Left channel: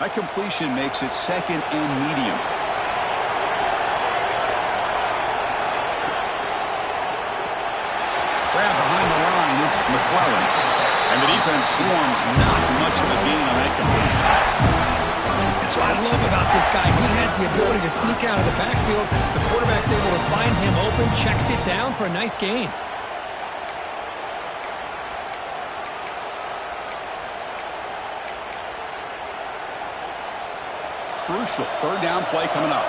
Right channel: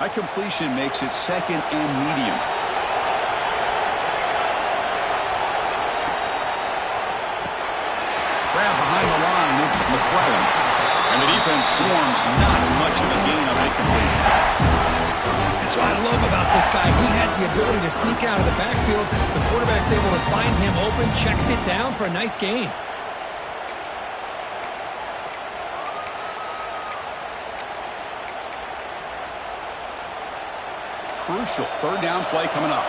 That completion makes it 2nd and medium. Grab behind the line, it's McClellan. And the defense swarms, not much of a gain on that completion. That's what I love about this guy. He has the ability to sneak out of the backfield. The quarterback's able to find him open, checks it down for a nice gain. Crucial 3rd down play coming up.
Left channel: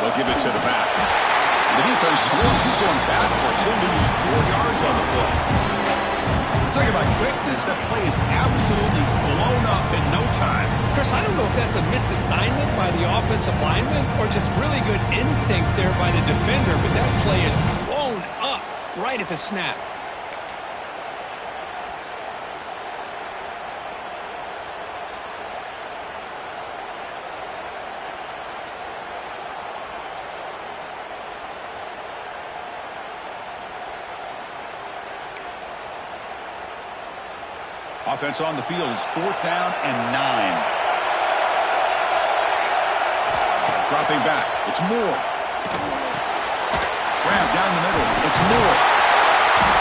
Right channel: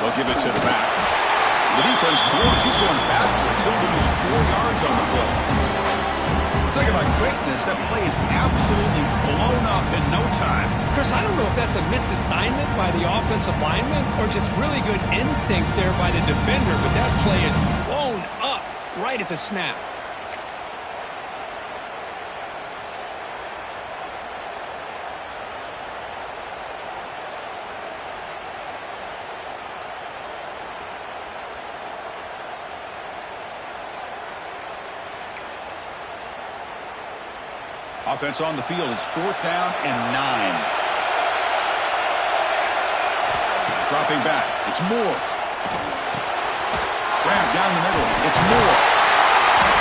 They'll give it to the back. The defense swarms. He's going backwards. He'll lose 4 yards on the play. Talking about quickness, that play is absolutely blown up in no time. Chris, I don't know if that's a misassignment by the offensive lineman or just really good instincts there by the defender, but that play is blown up right at the snap. Offense on the field. It's 4th down and 9. Dropping back. It's Moore. Grab down the middle. It's Moore.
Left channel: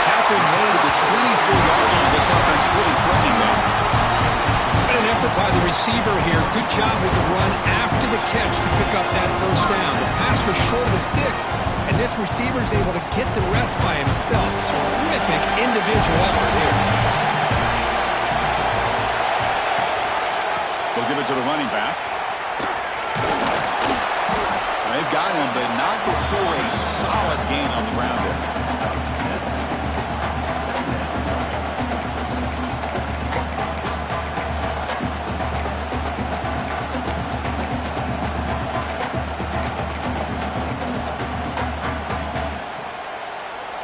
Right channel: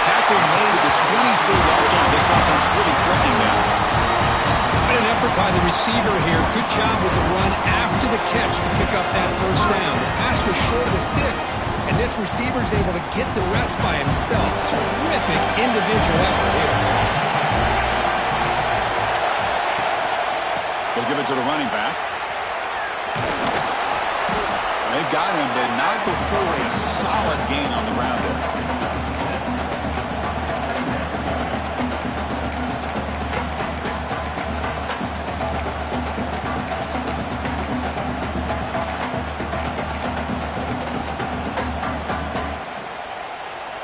Tackle made at the 24-yard line. This offense really threatening them. What an effort by the receiver here. Good job with the run after the catch to pick up that 1st down. The pass was short of the sticks, and this receiver is able to get the rest by himself. Terrific individual effort here. They'll give it to the running back. They've got him, but not before a solid gain on the ground there.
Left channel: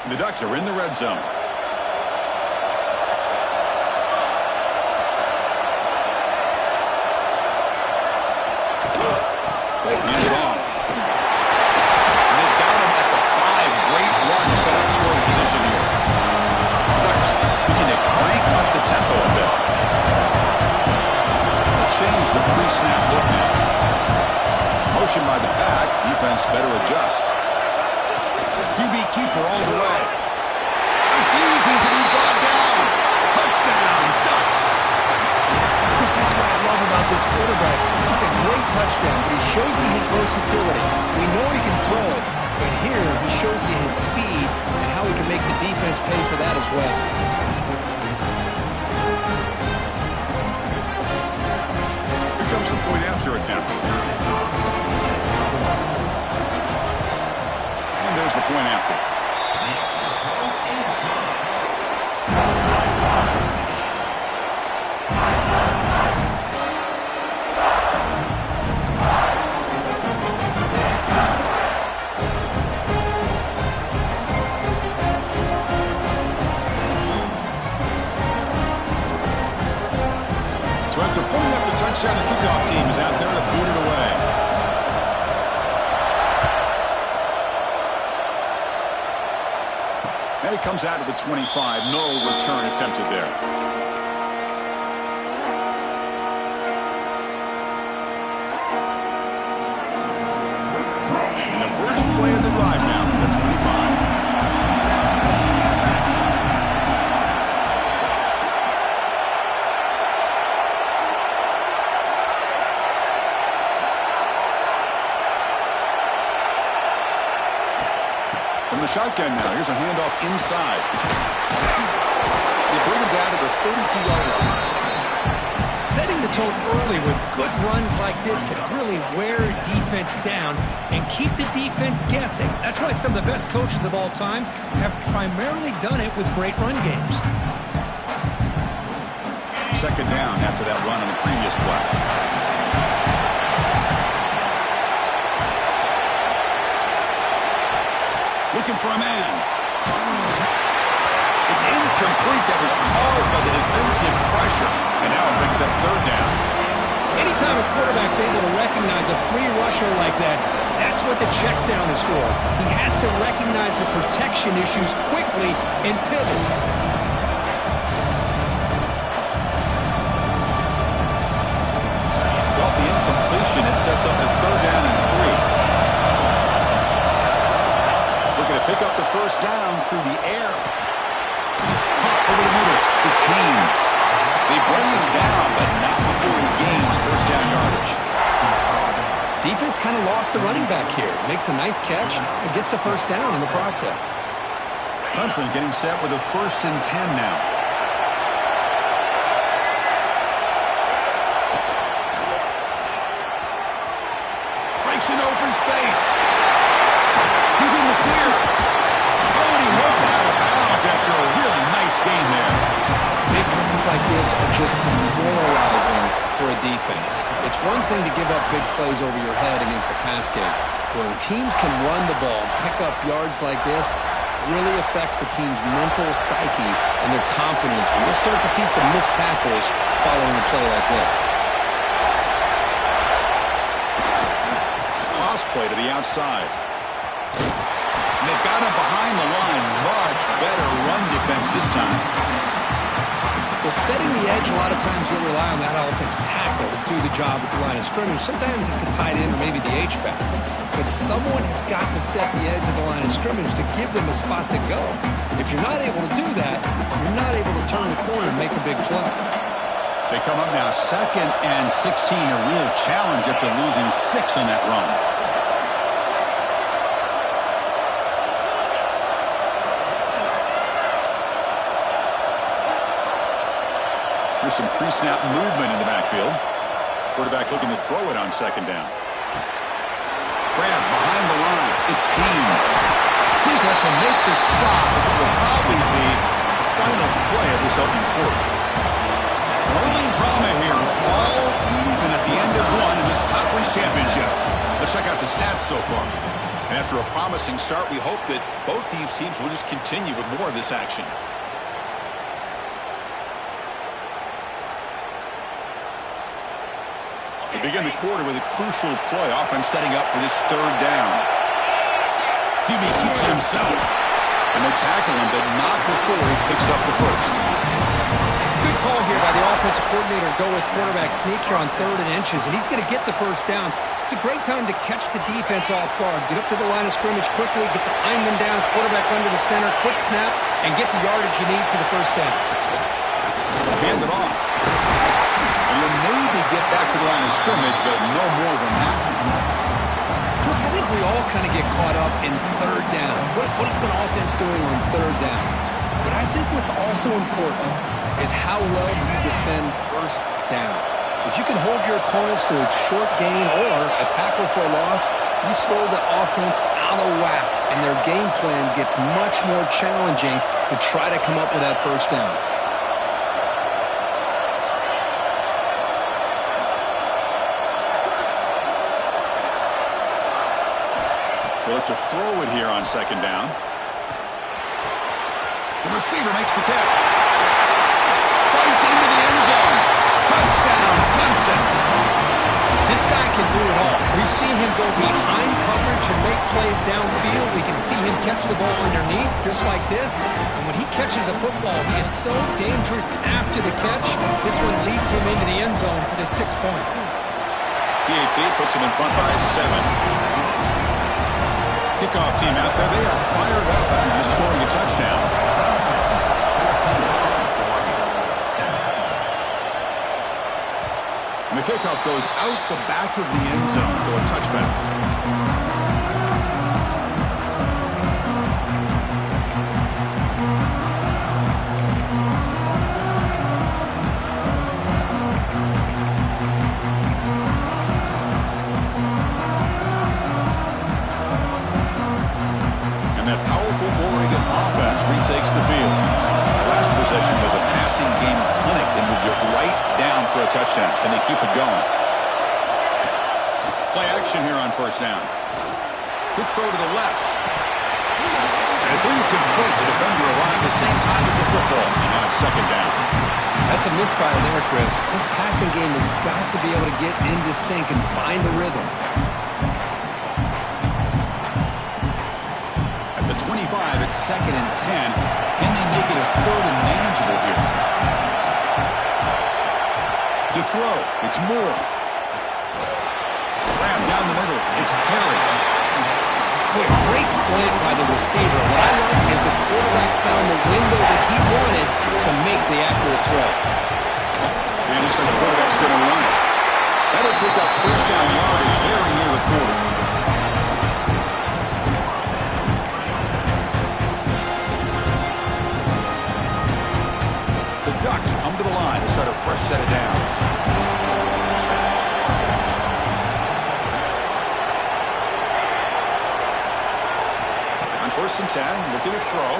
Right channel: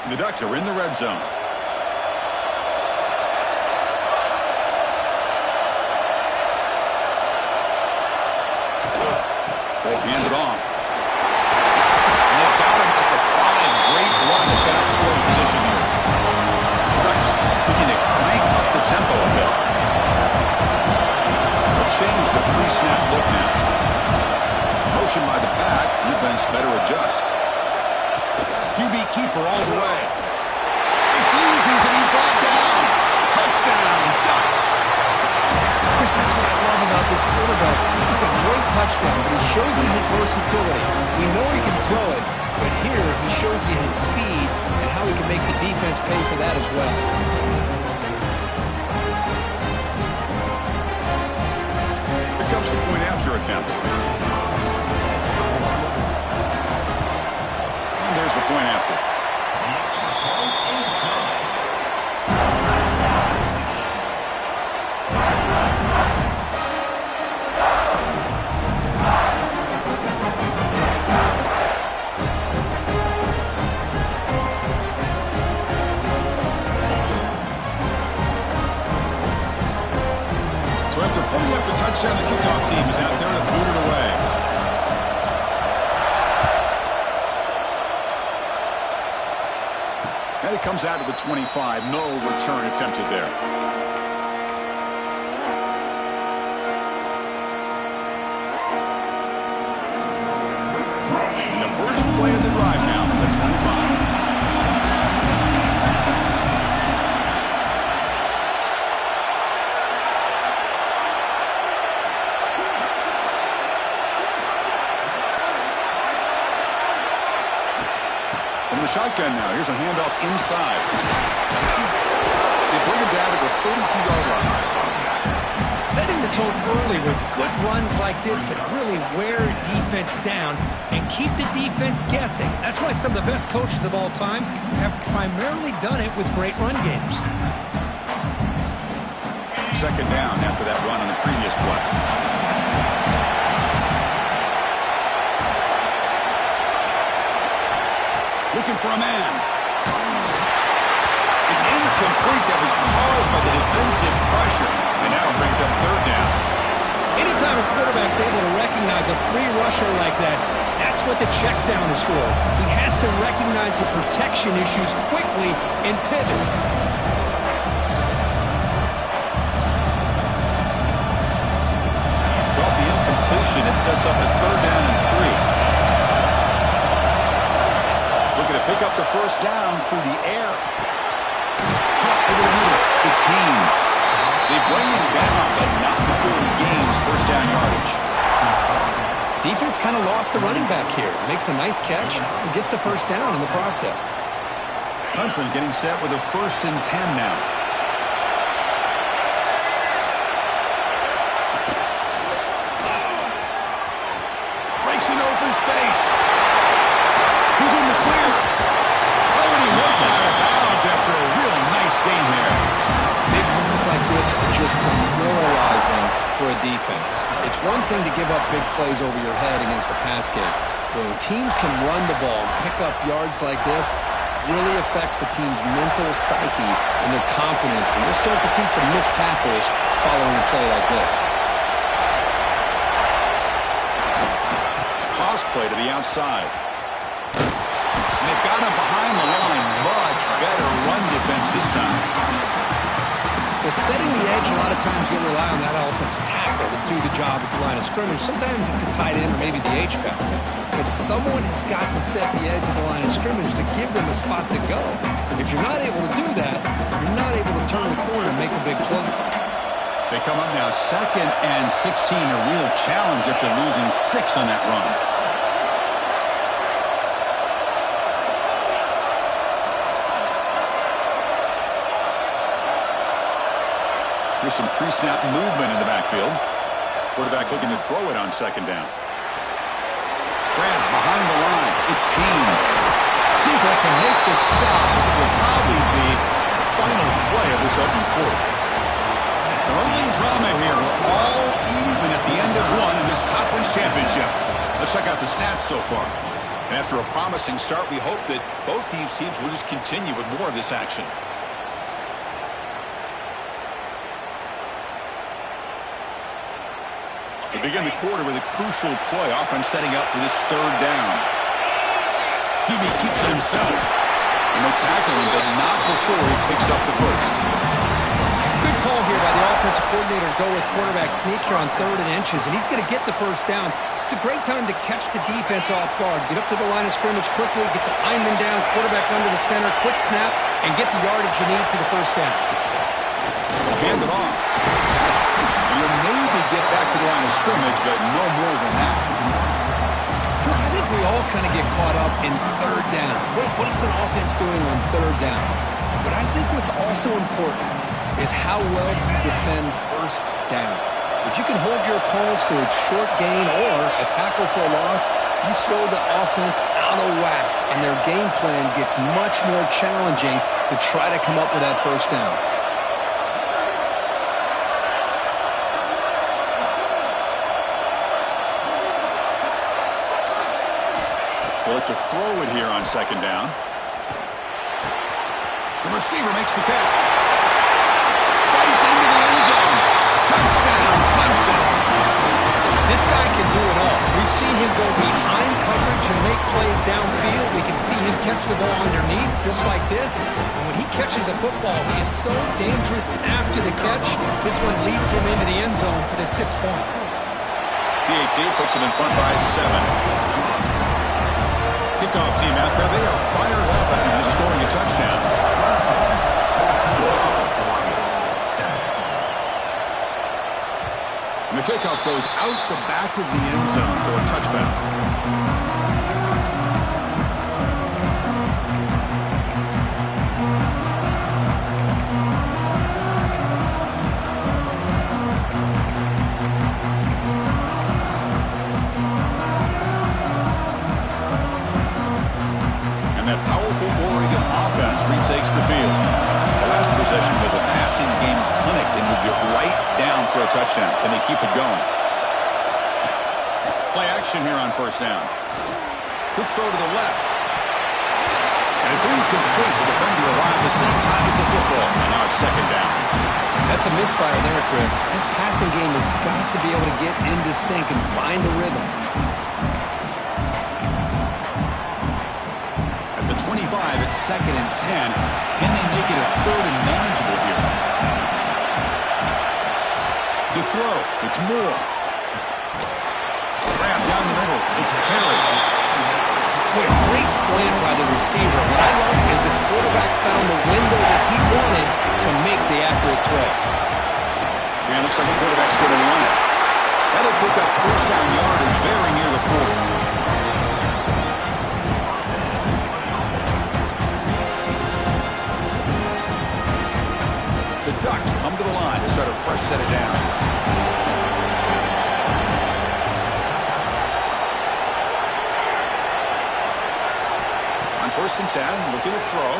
The Ducks are in the red zone. They hand it off. And they've got him at the 5. Great run to set up scoring position here. Ducks looking to crank up the tempo a bit. They'll change the pre-snap look now. Motion by the back. Defense better adjust. QB keeper all the way. Refusing to be brought down. Touchdown, Ducks. Chris, that's what I love about this quarterback. It's a great touchdown, but he shows you his versatility. We know he can throw it, but here he shows you his speed and how he can make the defense pay for that as well. Here comes the point after attempt. And there's the point after. So after putting up the touchdown, the kickoff team is out there to boot it away. And it comes out of the 25. No return attempted there. And the first play of the drive now from the 25. From the shotgun now. Here's a handoff inside. They bring him down to the 32-yard line. Setting the tone early with good runs like this can really wear defense down and keep the defense guessing. That's why some of the best coaches of all time have primarily done it with great run games. 2nd down after that run on the previous play. Looking for a man. It's incomplete. That was caused by the defensive pressure. And now it brings up 3rd down. Anytime a quarterback's able to recognize a free rusher like that, that's what the check down is for. He has to recognize the protection issues quickly and pivot. incompletion. It sets up a 3rd down and 3. Looking to pick up the first down through the air. Caught over the middle. It's Haynes. They bring him down, but not before he gains first down yardage. Defense kind of lost the running back here. Makes a nice catch and gets the first down in the process. Clemson getting set with a 1st and 10 now. Breaks into open space. He's in the clear. Oh, and he hits it out of bounds after a really nice game there. Big runs like this are just demoralizing for a defense. It's one thing to give up big plays over your head against the pass game. When teams can run the ball and pick up yards like this, it really affects the team's mental psyche and their confidence. And you'll start to see some missed tackles following a play like this. Toss play to the outside. And they've got him behind the line. Much better run defense this time. Well, setting the edge, a lot of times you'll rely on that offensive tackle to do the job at the line of scrimmage. Sometimes it's the tight end or maybe the H-back. But someone has got to set the edge of the line of scrimmage to give them a spot to go. If you're not able to do that, you're not able to turn the corner and make a big play. They come up now 2nd and 16, a real challenge after losing 6 on that run. Here's some pre-snap movement in the backfield. Quarterback looking to throw it on 2nd down. Grab behind the line. It's Haynes. Defense will make the stop, but it will probably be the final play of this opening quarter. Some early drama here. We're all even at the end of one in this conference championship. Let's check out the stats so far. And after a promising start, we hope that both these teams will just continue with more of this action. We begin the quarter with a crucial play. Offense setting up for this 3rd down. QB keeps it himself. And they tackle him, but not before he picks up the first. Good call here by the offensive coordinator to go with quarterback sneak here on 3rd and inches, and he's going to get the first down. It's a great time to catch the defense off guard. Get up to the line of scrimmage quickly, get the lineman down, quarterback under the center, quick snap, and get the yardage you need to the first down. Hand it off. And you'll maybe get back to the line of scrimmage, but no more than that. Chris, I think we all kind of get caught up in 3rd down. What is an offense doing on 3rd down? But I think what's also important is how well you defend first down. If you can hold your opponents to a short gain or a tackle for a loss, you throw the offense out of whack, and their game plan gets much more challenging to try to come up with that first down. They look to throw it here on 2nd down. The receiver makes the catch. Fights into the end zone. Touchdown, Clemson. This guy can do it all. We've seen him go behind coverage and make plays downfield. We can see him catch the ball underneath, just like this. And when he catches a football, he is so dangerous after the catch. This one leads him into the end zone for the 6 points. PAT puts him in front by 7. Kickoff team out there, they are fired up after just scoring a touchdown. And the kickoff goes out the back of the end zone, so a touchback. Retakes the field. The last possession was a passing game clinic. They moved it right down for a touchdown. Then they keep it going. Play action here on 1st down. Quick throw to the left. And it's incomplete. The defender arrived the same time as the football. And now it's 2nd down. That's a misfire there, Chris. This passing game has got to be able to get into sync and find a rhythm. 25 at 2nd and 10. Can they make it a 3rd and manageable here? To throw, it's Moore. down the middle. It's Perry. Boy, a great slant by the receiver. What I love is the quarterback found the window that he wanted to make the accurate throw. And it looks like the quarterback's going to run it. That'll pick up first down yardage very near the 40. The Ducks come to the line to start a fresh set of downs. On 1st and 10, look at the throw.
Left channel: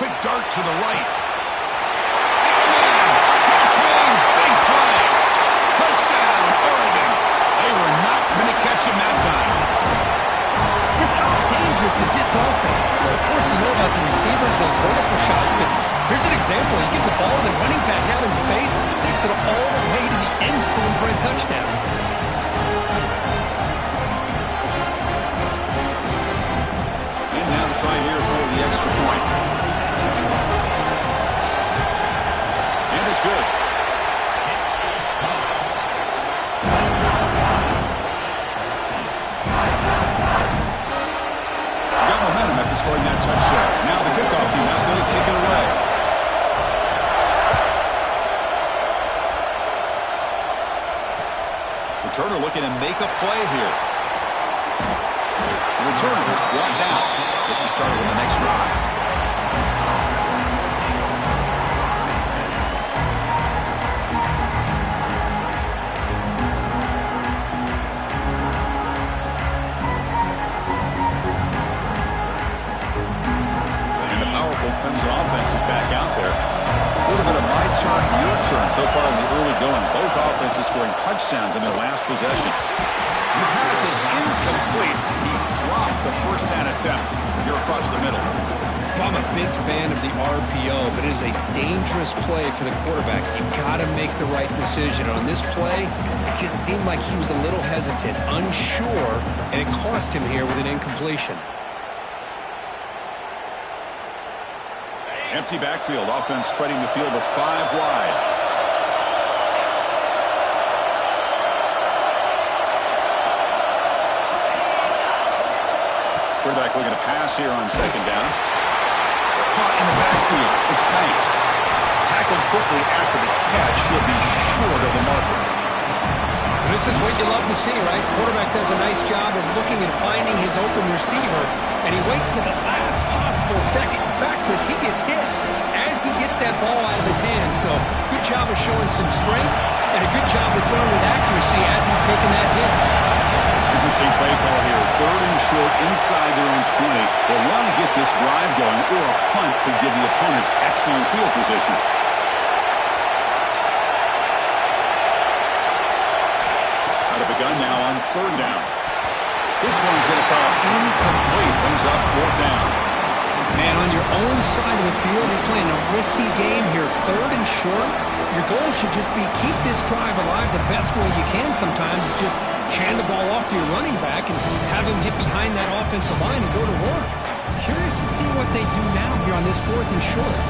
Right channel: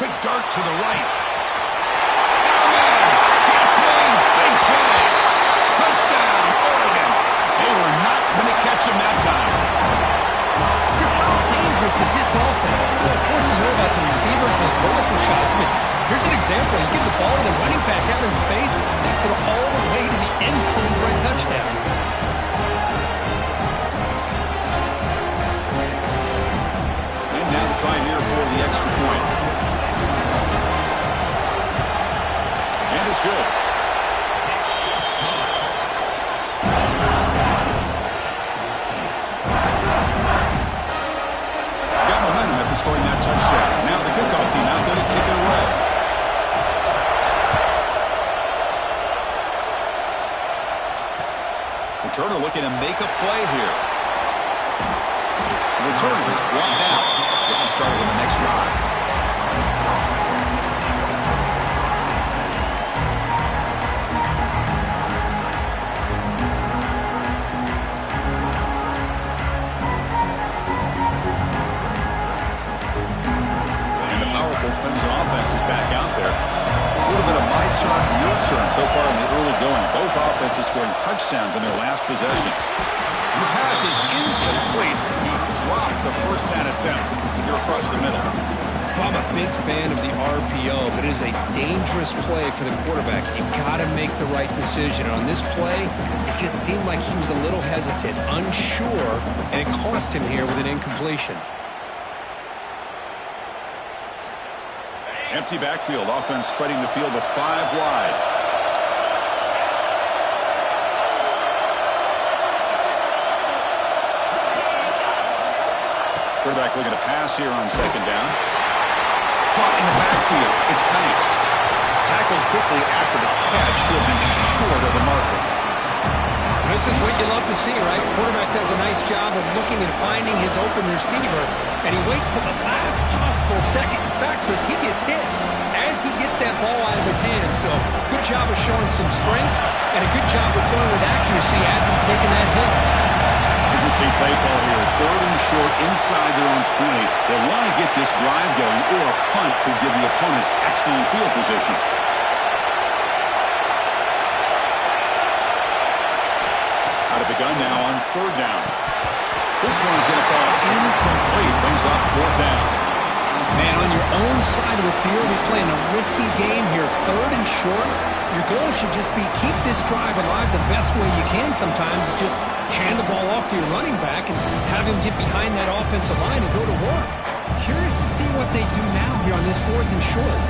Quick dart to the right. Oh, man! Catch made! Big play! Touchdown, Oregon! They were not going to catch him that time. Just how dangerous is this offense? Well, of course, you know about the receivers, those vertical shots, but here's an example. You give the ball to the running back out in space, takes it all the way to the end zone for a touchdown. And now the try here for the extra point. And it's good. Got momentum after scoring that touchdown. Now the kickoff team out there to kick it away. Returner looking to make a play here. The returner is brought down. Gets you started on the next drive. Clemson offense is back out there. A little bit of my turn, your turn so far in the early going. Both offenses scoring touchdowns in their last possessions. And the pass is incomplete. He dropped the first down attempt here across the middle. I'm a big fan of the RPO, but it is a dangerous play for the quarterback. You got to make the right decision. On this play, it just seemed like he was a little hesitant, unsure, and it cost him here with an incompletion. Empty backfield. Offense spreading the field to 5 wide. Quarterback looking to pass here on 2nd down. Caught in the backfield. It's Banks. Tackled quickly after the catch. He'll be short of the marker. This is what you love to see, right? Quarterback does a nice job of looking and finding his open receiver, and he waits to the last possible second. In fact, Chris, he gets hit as he gets that ball out of his hand. So good job of showing some strength, and a good job of throwing with accuracy as he's taking that hit. Interesting play call here. 3rd and short inside their own 20. They want to get this drive going, or a punt could give the opponents excellent field position. Out of the gun now on 3rd down. This one's going to fall incomplete. Brings up 4th down. Man, on your own side of the field, you're playing a risky game here. 3rd and short. Your goal should just be keep this drive alive the best way you can sometimes. Just hand the ball off to your running back and have him get behind that offensive line and go to work. Curious to see what they do now here on this 4th and short.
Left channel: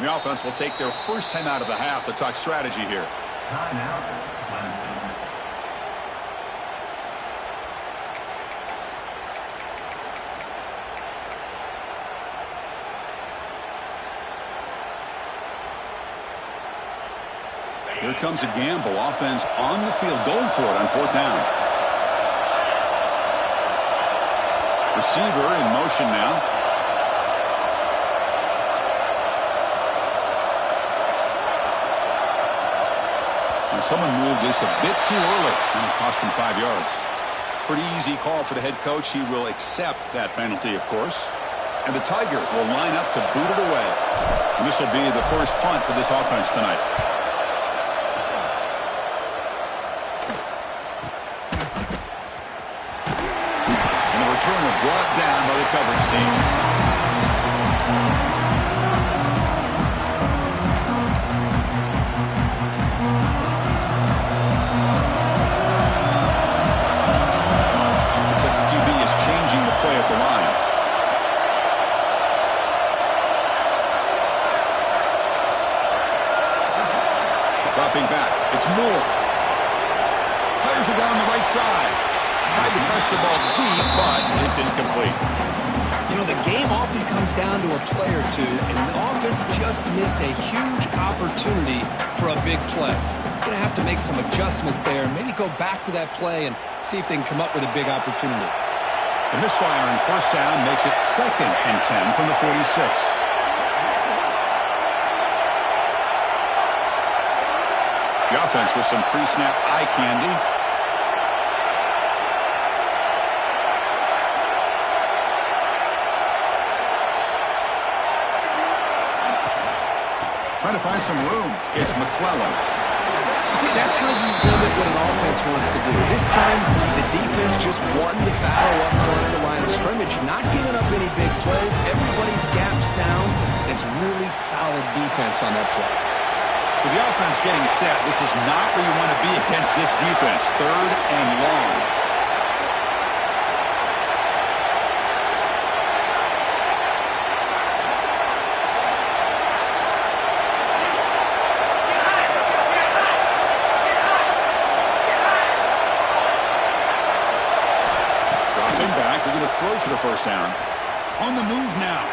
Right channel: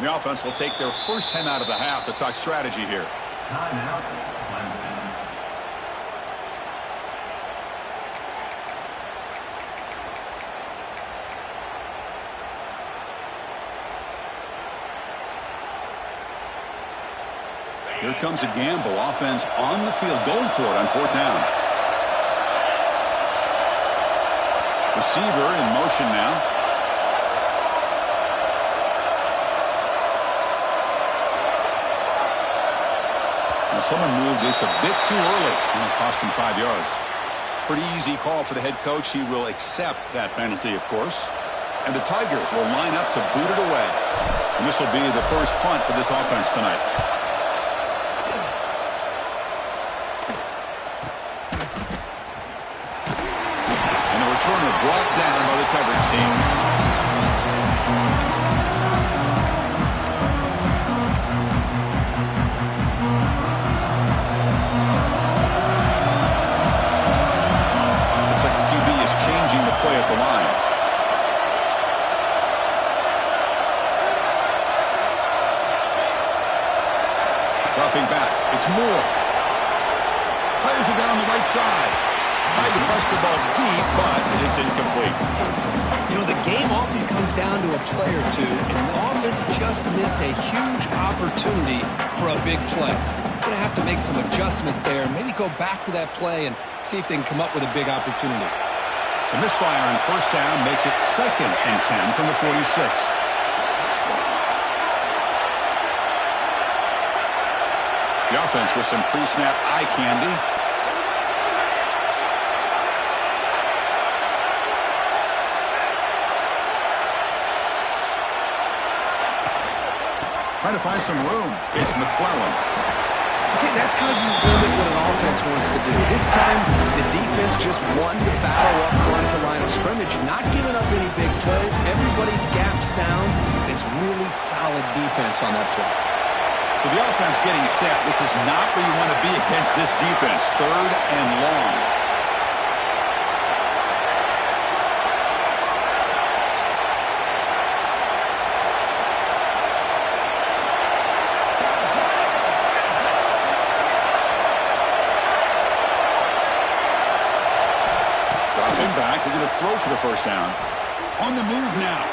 The offense will take their first time out of the half to talk strategy here. Timeout, Clemson. Here comes a gamble. Offense on the field, going for it on 4th down. Receiver in motion now. Now someone moved this a bit too early, and it cost him 5 yards. Pretty easy call for the head coach. He will accept that penalty, of course. And the Tigers will line up to boot it away. And this will be the first punt for this offense tonight. Returner brought down by the coverage team. Looks like the QB is Dropping back. It's Moore. Fires it down the right side. Tried to press the ball deep, but it's incomplete. You know, the game often comes down to a play or two, and the offense just missed a huge opportunity for a big play. Going to have to make some adjustments there, maybe go back to that play and see if they can come up with a big opportunity. The misfire on first down makes it 2nd and 10 from the 46. The offense with some pre-snap eye candy. Trying to find some room. It's McClellan. See, that's how you limit what an offense wants to do. This time, the defense just won the battle up front at the line of scrimmage, not giving up any big plays. Everybody's gap sound. It's really solid defense on that play. So the offense getting set. This is not where you want to be against this defense. 3rd and long. Dropping back. They're going to throw for the first down. On the move now.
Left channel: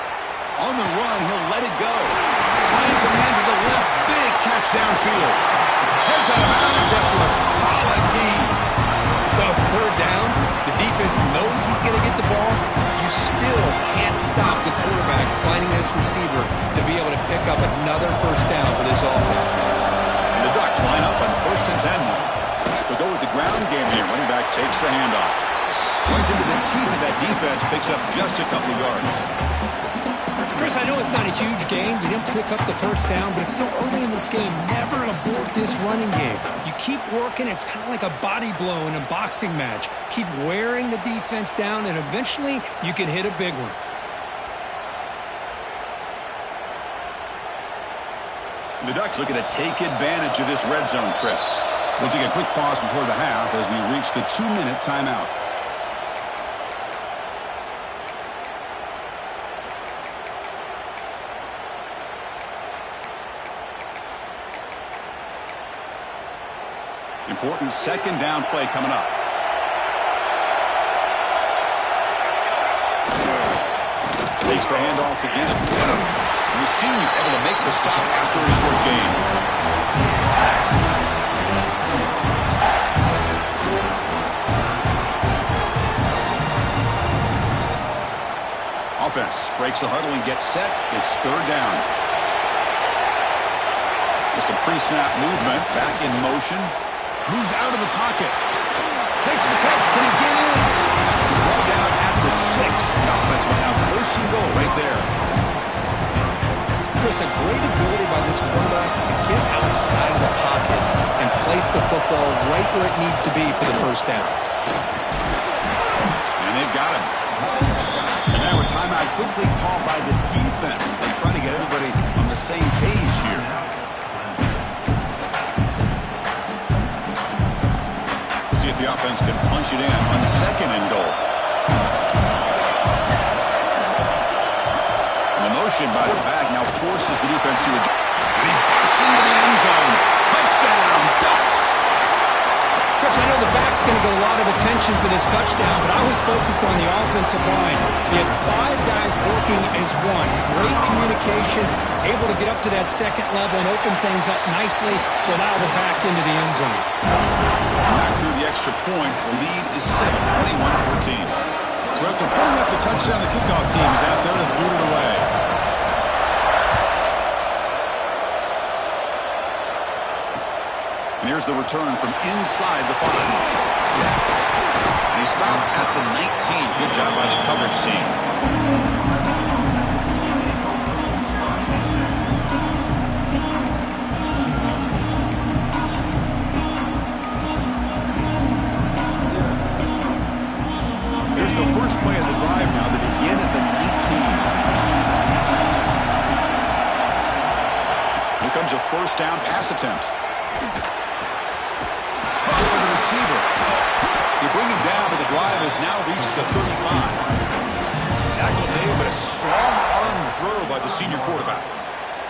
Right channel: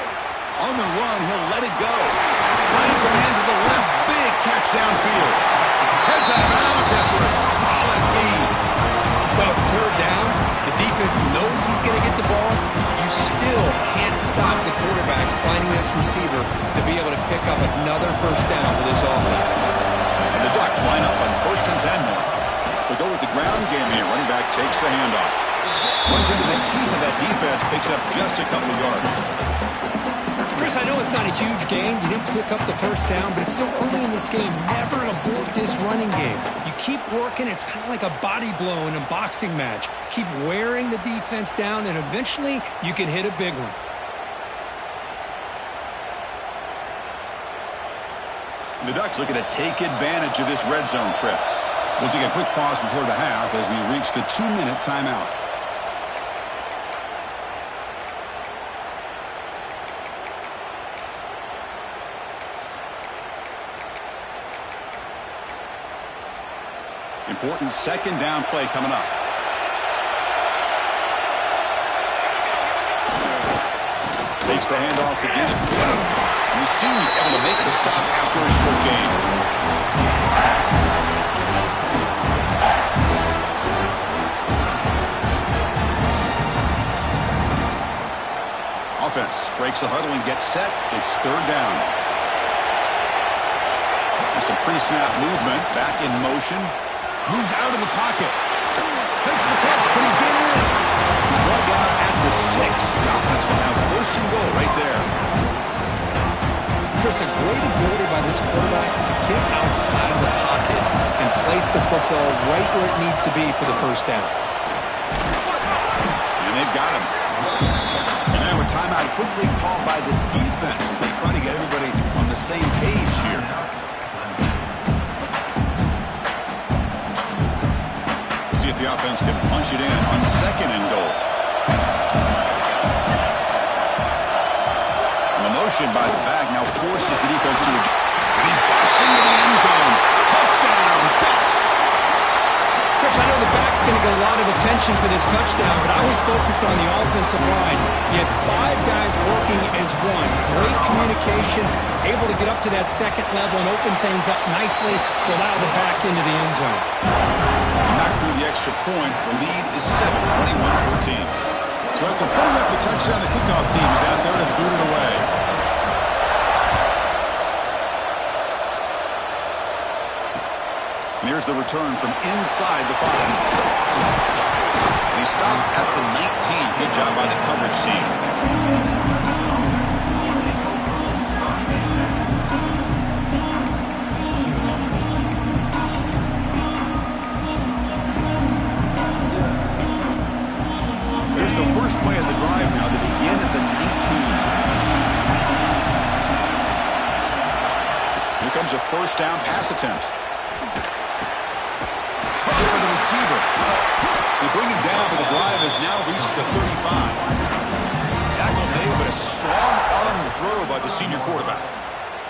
On the run, he'll let it go. Finds a man to the left. Big catch downfield. Heads out of bounds after a solid gain. Well, it's 3rd down. The defense knows he's going to get the ball. You still can't stop the quarterback finding this receiver to be able to pick up another first down for this offense. And the Ducks line up on 1st and 10 now. They'll go with the ground game here. Running back takes the handoff. Runs into the teeth of that defense. Picks up just a couple of yards. Chris, I know it's not a huge gain. You didn't pick up the first down, but it's still early in this game. Never abort this running game. You keep working. It's kind of like a body blow in a boxing match. Keep wearing the defense down, and eventually you can hit a big one. The Ducks looking to take advantage of this red zone trip. We'll take a quick pause before the half as we reach the 2-minute timeout. Important 2nd down play coming up. Takes the handoff again. The senior able to make the stop after a short gain. Offense breaks the huddle and gets set. It's 3rd down. With some pre-snap movement, back in motion. Moves out of the pocket. Makes the catch. Can he get in? He's brought down at the 6. The offense will have 1st and goal right there. Chris, a great ability by this quarterback to get outside of the pocket and place the football right where it needs to be for the first down. And they've got him. And now a timeout quickly called by the defense as they try to get everybody on the same page here. See if the offense can punch it in on 2nd and goal. And the motion by the back now forces the defense to adjust. And he busts into the end zone. Touchdown, Ducks. Chris, I know the back's going to get a lot of attention for this touchdown, but I was focused on the offensive line. You had 5 guys working as one. Great communication, able to get up to that 2nd level and open things up nicely to allow the back into the end zone. Back through the extra point, the lead is 7, 21-14. So after putting up the touchdown, the kickoff team is out there to boot it away. And here's the return from inside the 5. And he stopped at the 19. Good job by the coverage team. Here's the first play of the drive now. They begin at the 19. Here comes a first down pass attempt. For the receiver. They bring him down, but the drive has now reached the 35. Tackle made, but a strong arm throw by the senior quarterback.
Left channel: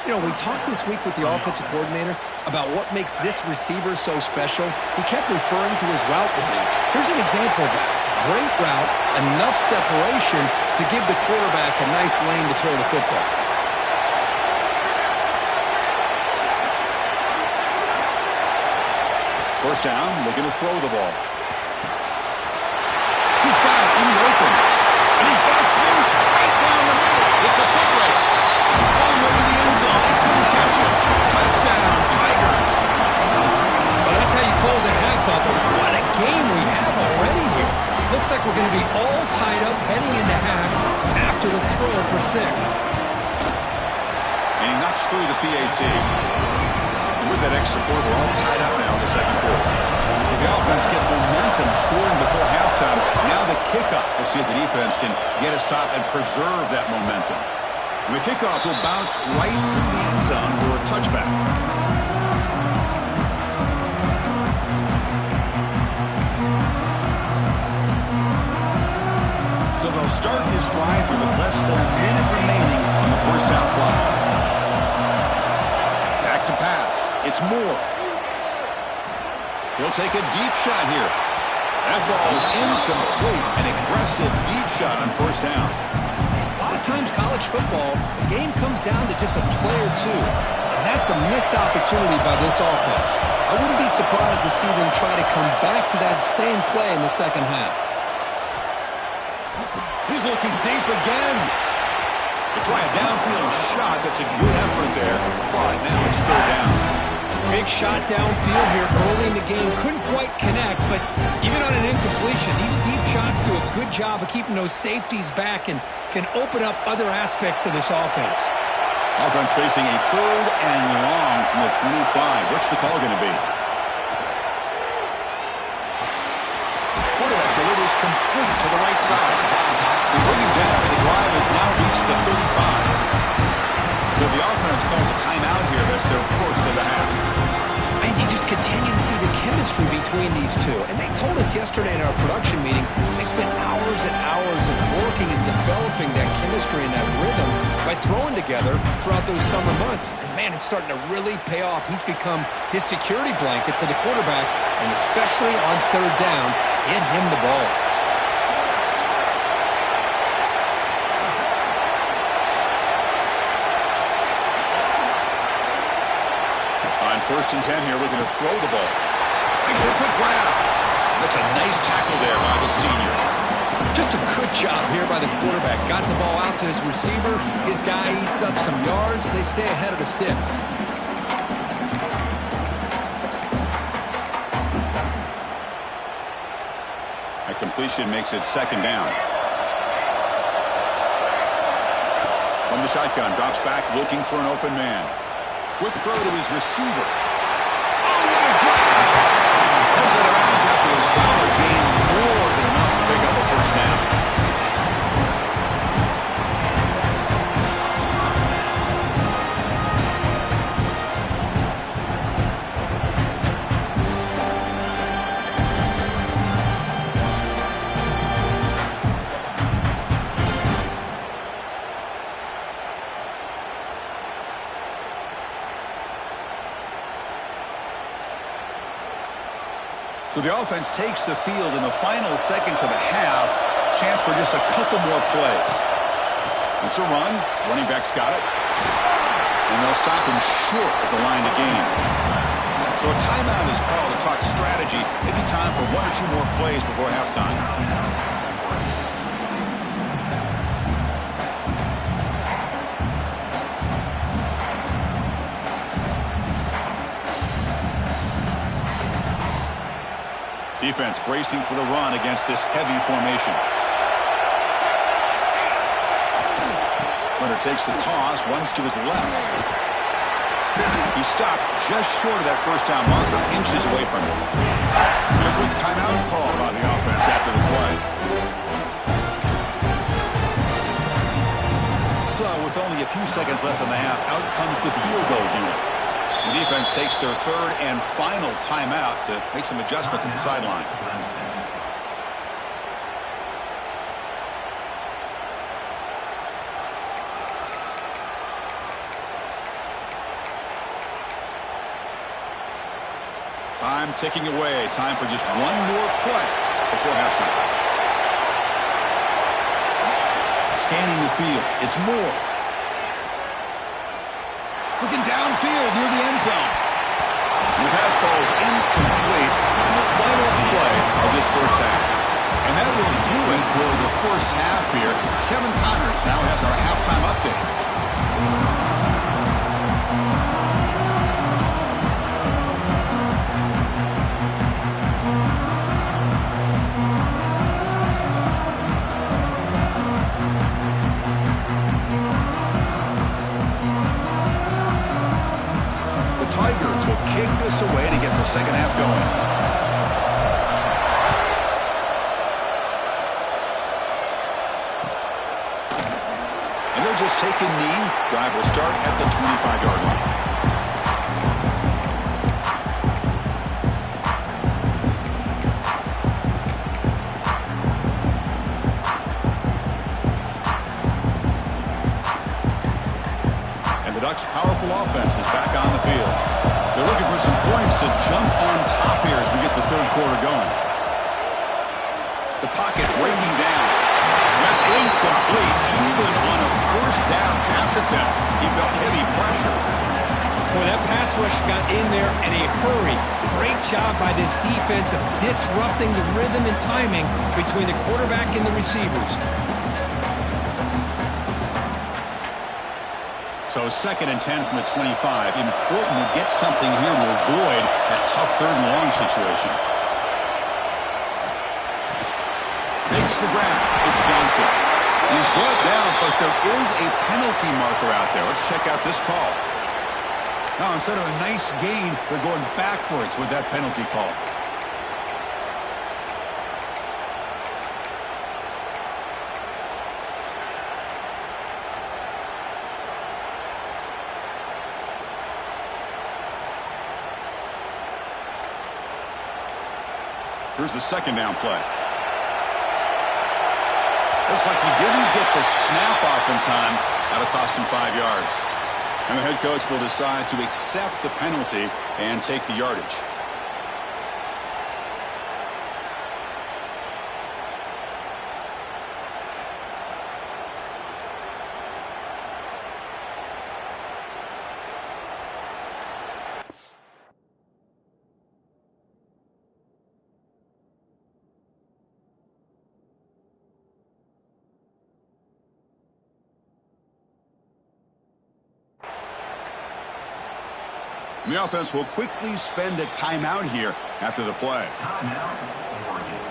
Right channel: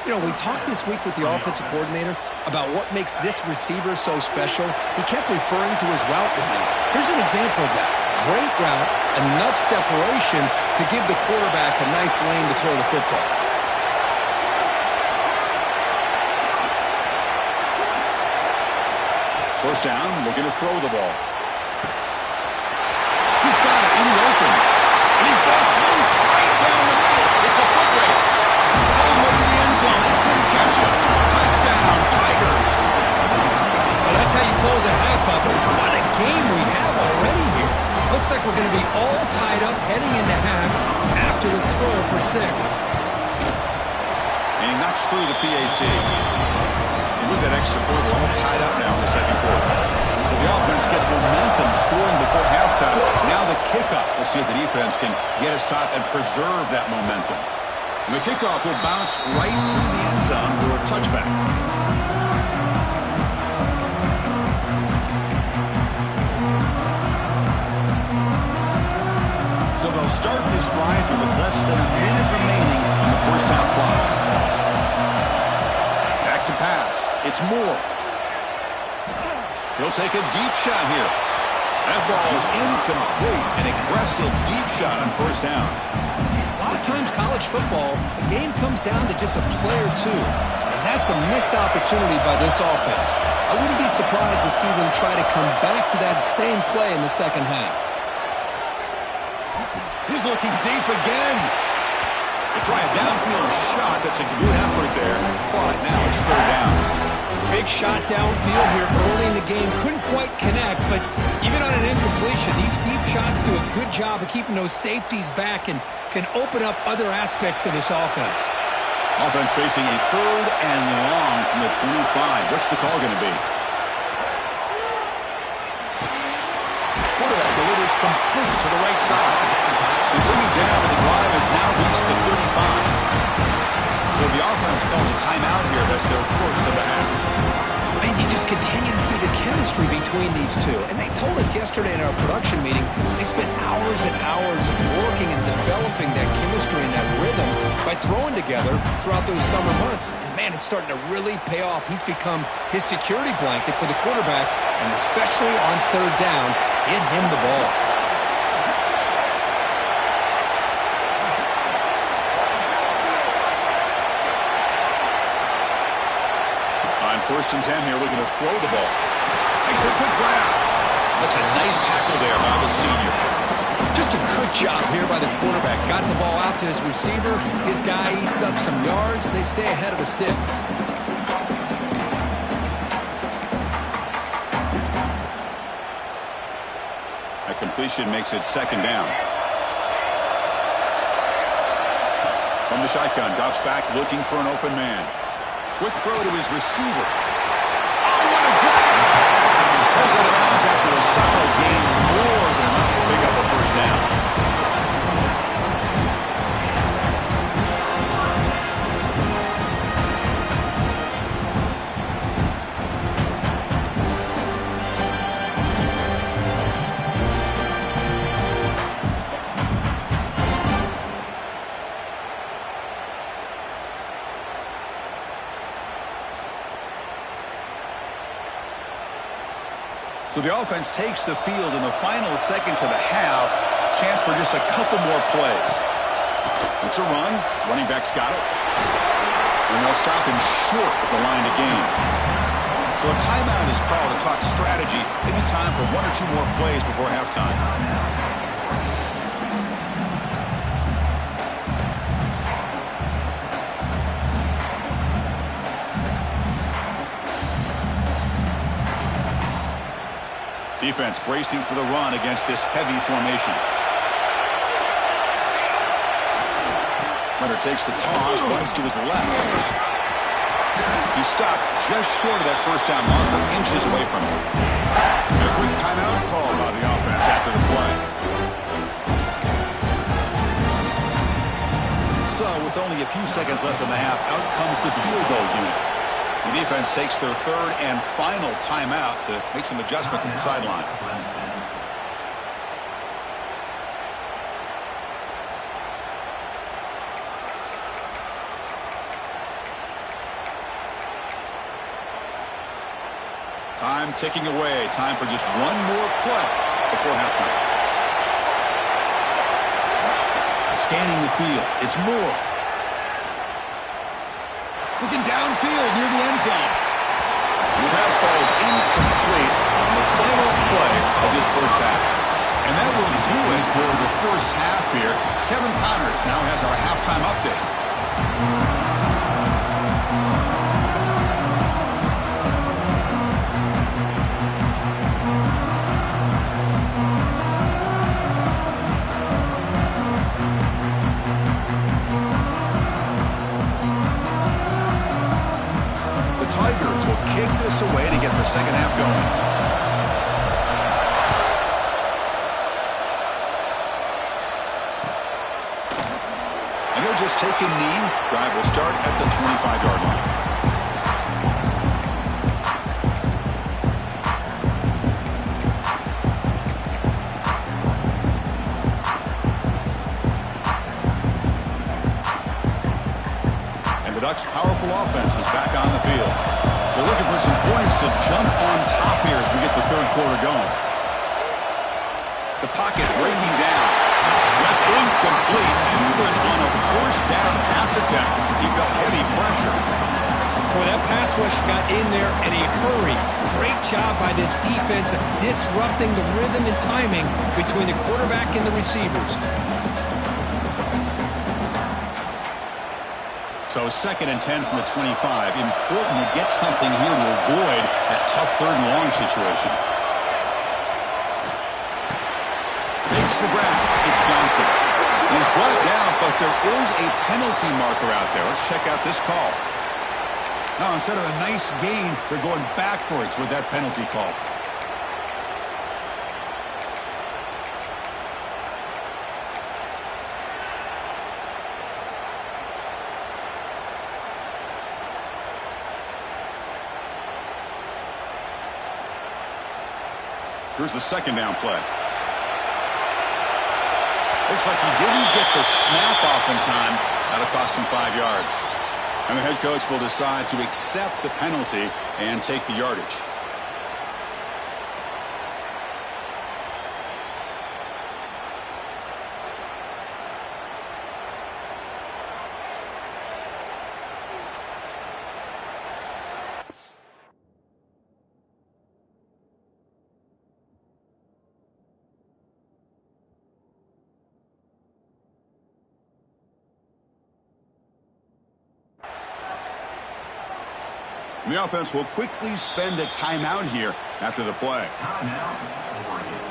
You know, we talked this week with the offensive coordinator about what makes this receiver so special. He kept referring to his route running. Here's an example of that. Great route, enough separation to give the quarterback a nice lane to throw the football. First down, looking to throw the ball. He's got it in the open. And he busts loose right down the middle. It's a foot race. All the way to the end zone. They couldn't catch him. Touchdown, Tigers. Well, that's how you close a half up. What a game we have already here. Looks like we're going to be all tied up heading into half after the throw for 6. And he knocks through the PAT. And with that extra point, we're all tied up now in the second quarter. So the offense gets momentum scoring before halftime. Now the kickoff. We'll see if the defense can get us top and preserve that momentum. And the kickoff will bounce right through the end zone for a touchback. So they'll start this drive here with less than a minute remaining on the first half clock. Back to pass. It's Moore. He'll take a deep shot here. That ball is incomplete. An aggressive deep shot on first down. A lot of times college football, the game comes down to just a play or two. And that's a missed opportunity by this offense. I wouldn't be surprised to see them try to come back to that same play in the second half. He's looking deep again. They try a downfield shot. That's a good effort there. But now it's third down. Big shot downfield here early in the game. Couldn't quite connect, but even on an incompletion, these deep shots do a good job of keeping those safeties back and can open up other aspects of this offense. Offense facing a third and long from the 25. What's the call going to be? Quarterback delivers complete to the right side. They bring it down, and the drive has now reached the 35. So the offense calls a timeout here. That's their first of the half. And you just continue to see the chemistry between these two. And they told us yesterday in our production meeting, they spent hours and hours of working and developing that chemistry and that rhythm by throwing together throughout those summer months. And, man, it's starting to really pay off. He's become his security blanket for the quarterback, and especially on third down, get him the ball. On 1st and 10 here, looking to throw the ball. Makes a quick grab. That's a nice tackle there by the senior. Just a good job here by the quarterback. Got the ball out to his receiver. His guy eats up some yards. They stay ahead of the sticks. A completion makes it second down. From the shotgun, drops back looking for an open man. Quick throw to his receiver. Oh, what a grab! Comes out of bounds after a solid gain, more than enough to pick up a first down. So the offense takes the field in the final seconds of the half. Chance for just a couple more plays. It's a run. Running back's got it. And they'll stop him short of the line to gain. So a timeout is called to talk strategy. Maybe time for one or two more plays before halftime. Defense bracing for the run against this heavy formation. Leonard takes the toss, runs to his left. He stopped just short of that first down marker, inches away from it. And a quick timeout call by the offense after the play. So with only a few seconds left in the half, out comes the field goal unit. The defense takes their third and final timeout to make some adjustments at the sideline. Time ticking away. Time for just one more play before halftime. Scanning the field. It's Moore. Looking downfield near the end zone. The pass falls incomplete on the final play of this first half. And that will do it for the first half here. Kevin Connors now has our halftime update. Tigers will kick this away to get the second half going. And he'll just take a knee. Drive will start at the 25-yard line. The Ducks' powerful offense is back on the field. They're looking for some points to jump on top here as we get the third quarter going. The pocket breaking down. That's incomplete. Even on a first down pass attempt, he felt heavy pressure. Boy, that pass rush got in there in a hurry. Great job by this defense of disrupting the rhythm and timing between the quarterback and the receivers. So 2nd and 10 from the 25. Important to get something here to avoid that tough third and long situation. Makes the grab. It's Johnson. He's brought down, but there is a penalty marker out there. Let's check out this call. Now, instead of a nice gain, they're going backwards with that penalty call. Here's the second down play. Looks like he didn't get the snap off in time. That'll cost him 5 yards. And the head coach will decide to accept the penalty and take the yardage. The offense will quickly spend a timeout here after the play. Timeout, Oregon.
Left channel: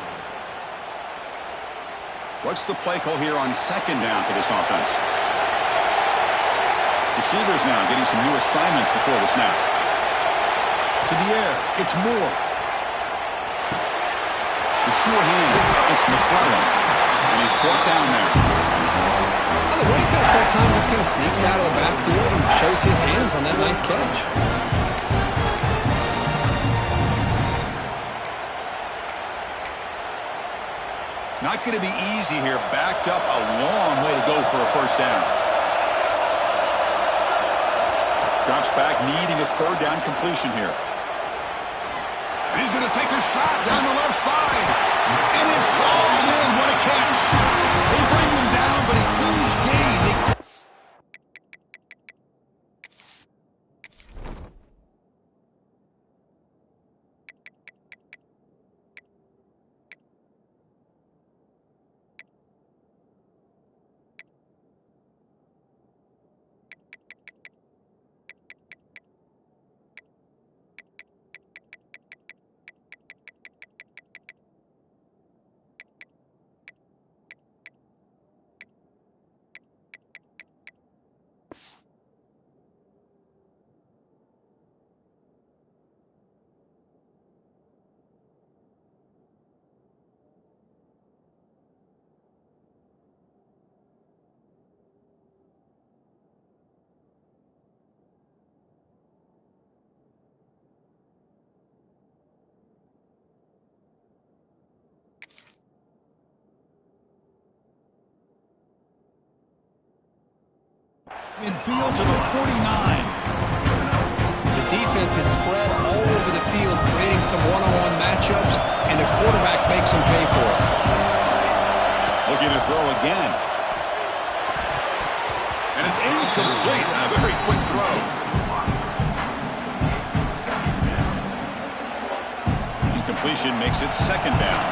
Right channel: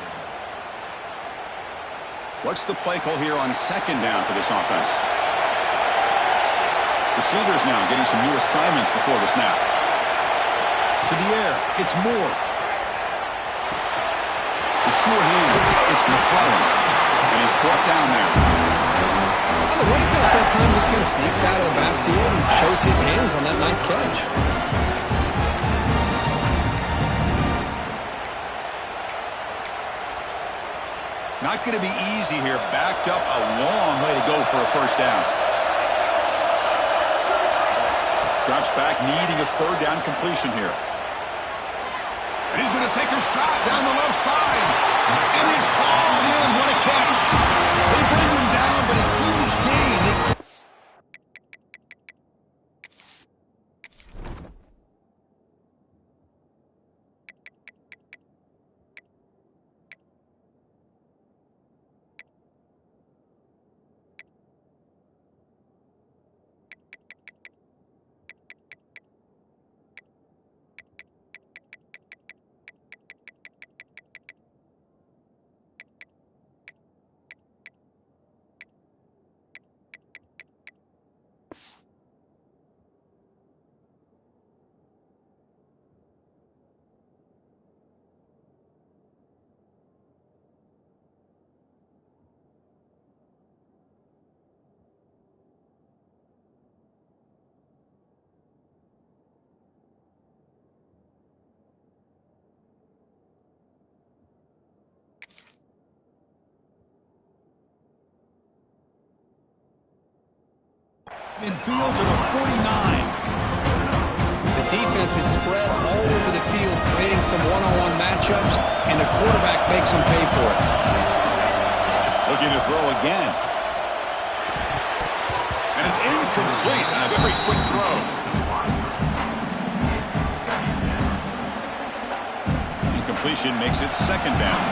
What's the play call here on second down for this offense? Receivers now getting some new assignments before the snap. To the air, it's Moore. The sure hands, it's McClellan. And he's brought down there. Well, the running back that time just kind of sneaks out of the backfield and shows his hands on that nice catch. Not going to be easy here. Backed up a long way to go for a first down. Drops back, needing a third down completion here. And he's going to take a shot down the left side. And it's hauled in. What a catch. They bring him down, but a huge gain. Midfield to the 49. The defense is spread all over the field, creating some one-on-one matchups, and the quarterback makes him pay for it. Looking to throw again. And it's incomplete. A very quick throw. Incompletion makes it second down.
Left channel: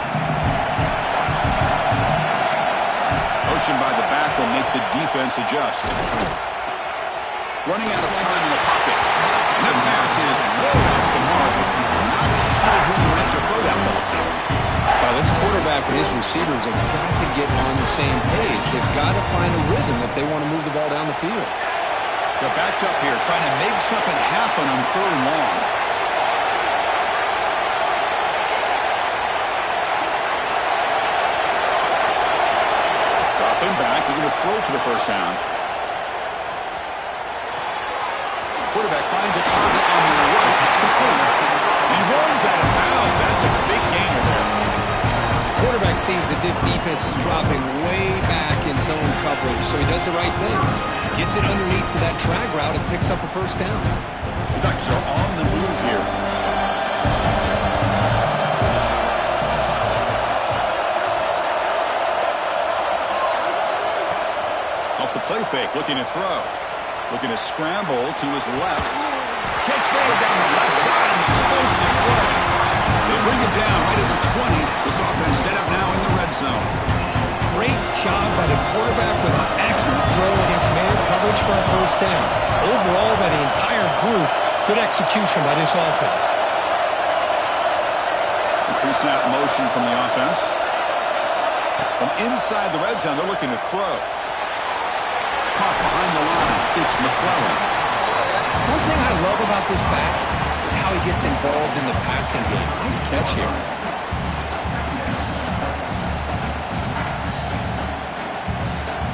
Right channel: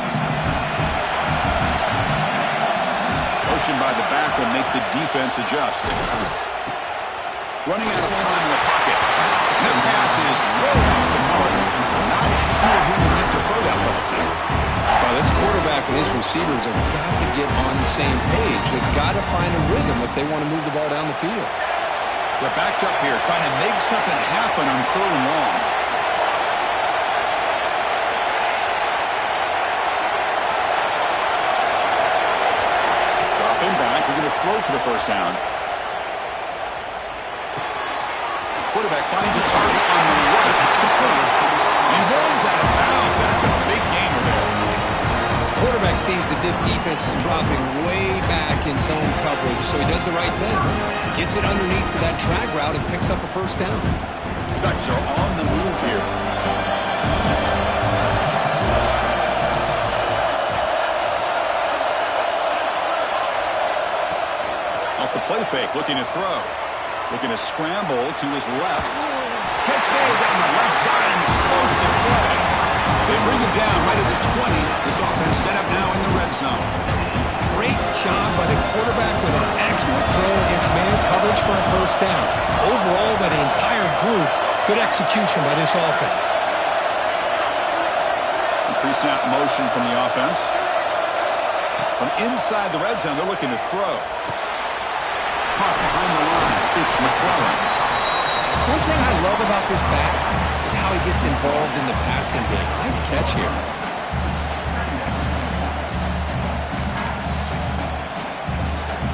Motion by the back will make the defense adjust. Running out of time in the pocket. And the pass is way off the mark. Not sure who meant to throw that ball to. Well, this quarterback and his receivers have got to get on the same page. They've got to find a rhythm if they want to move the ball down the field. They're backed up here, trying to make something happen on 3rd and long. Dropping back, they're going to throw for the first down. Quarterback finds a target on the right. It's complete. And he runs out of bounds. That's a big gainer there. Quarterback sees that this defense is dropping way back in zone coverage, so he does the right thing. Gets it underneath to that drag route and picks up a first down. The Ducks are on the move here. Off the play fake, looking to throw. Looking to scramble to his left. Catch made down the left side, an explosive play. They bring him down right at the 20. This offense set up now in the red zone. Great job by the quarterback with an accurate throw against man coverage for a first down. Overall, by the entire group, good execution by this offense. Pre-snap motion from the offense. From inside the red zone, they're looking to throw. Caught behind the line. It's McClellan. One thing I love about this back is how he gets involved in the passing game. Nice catch here.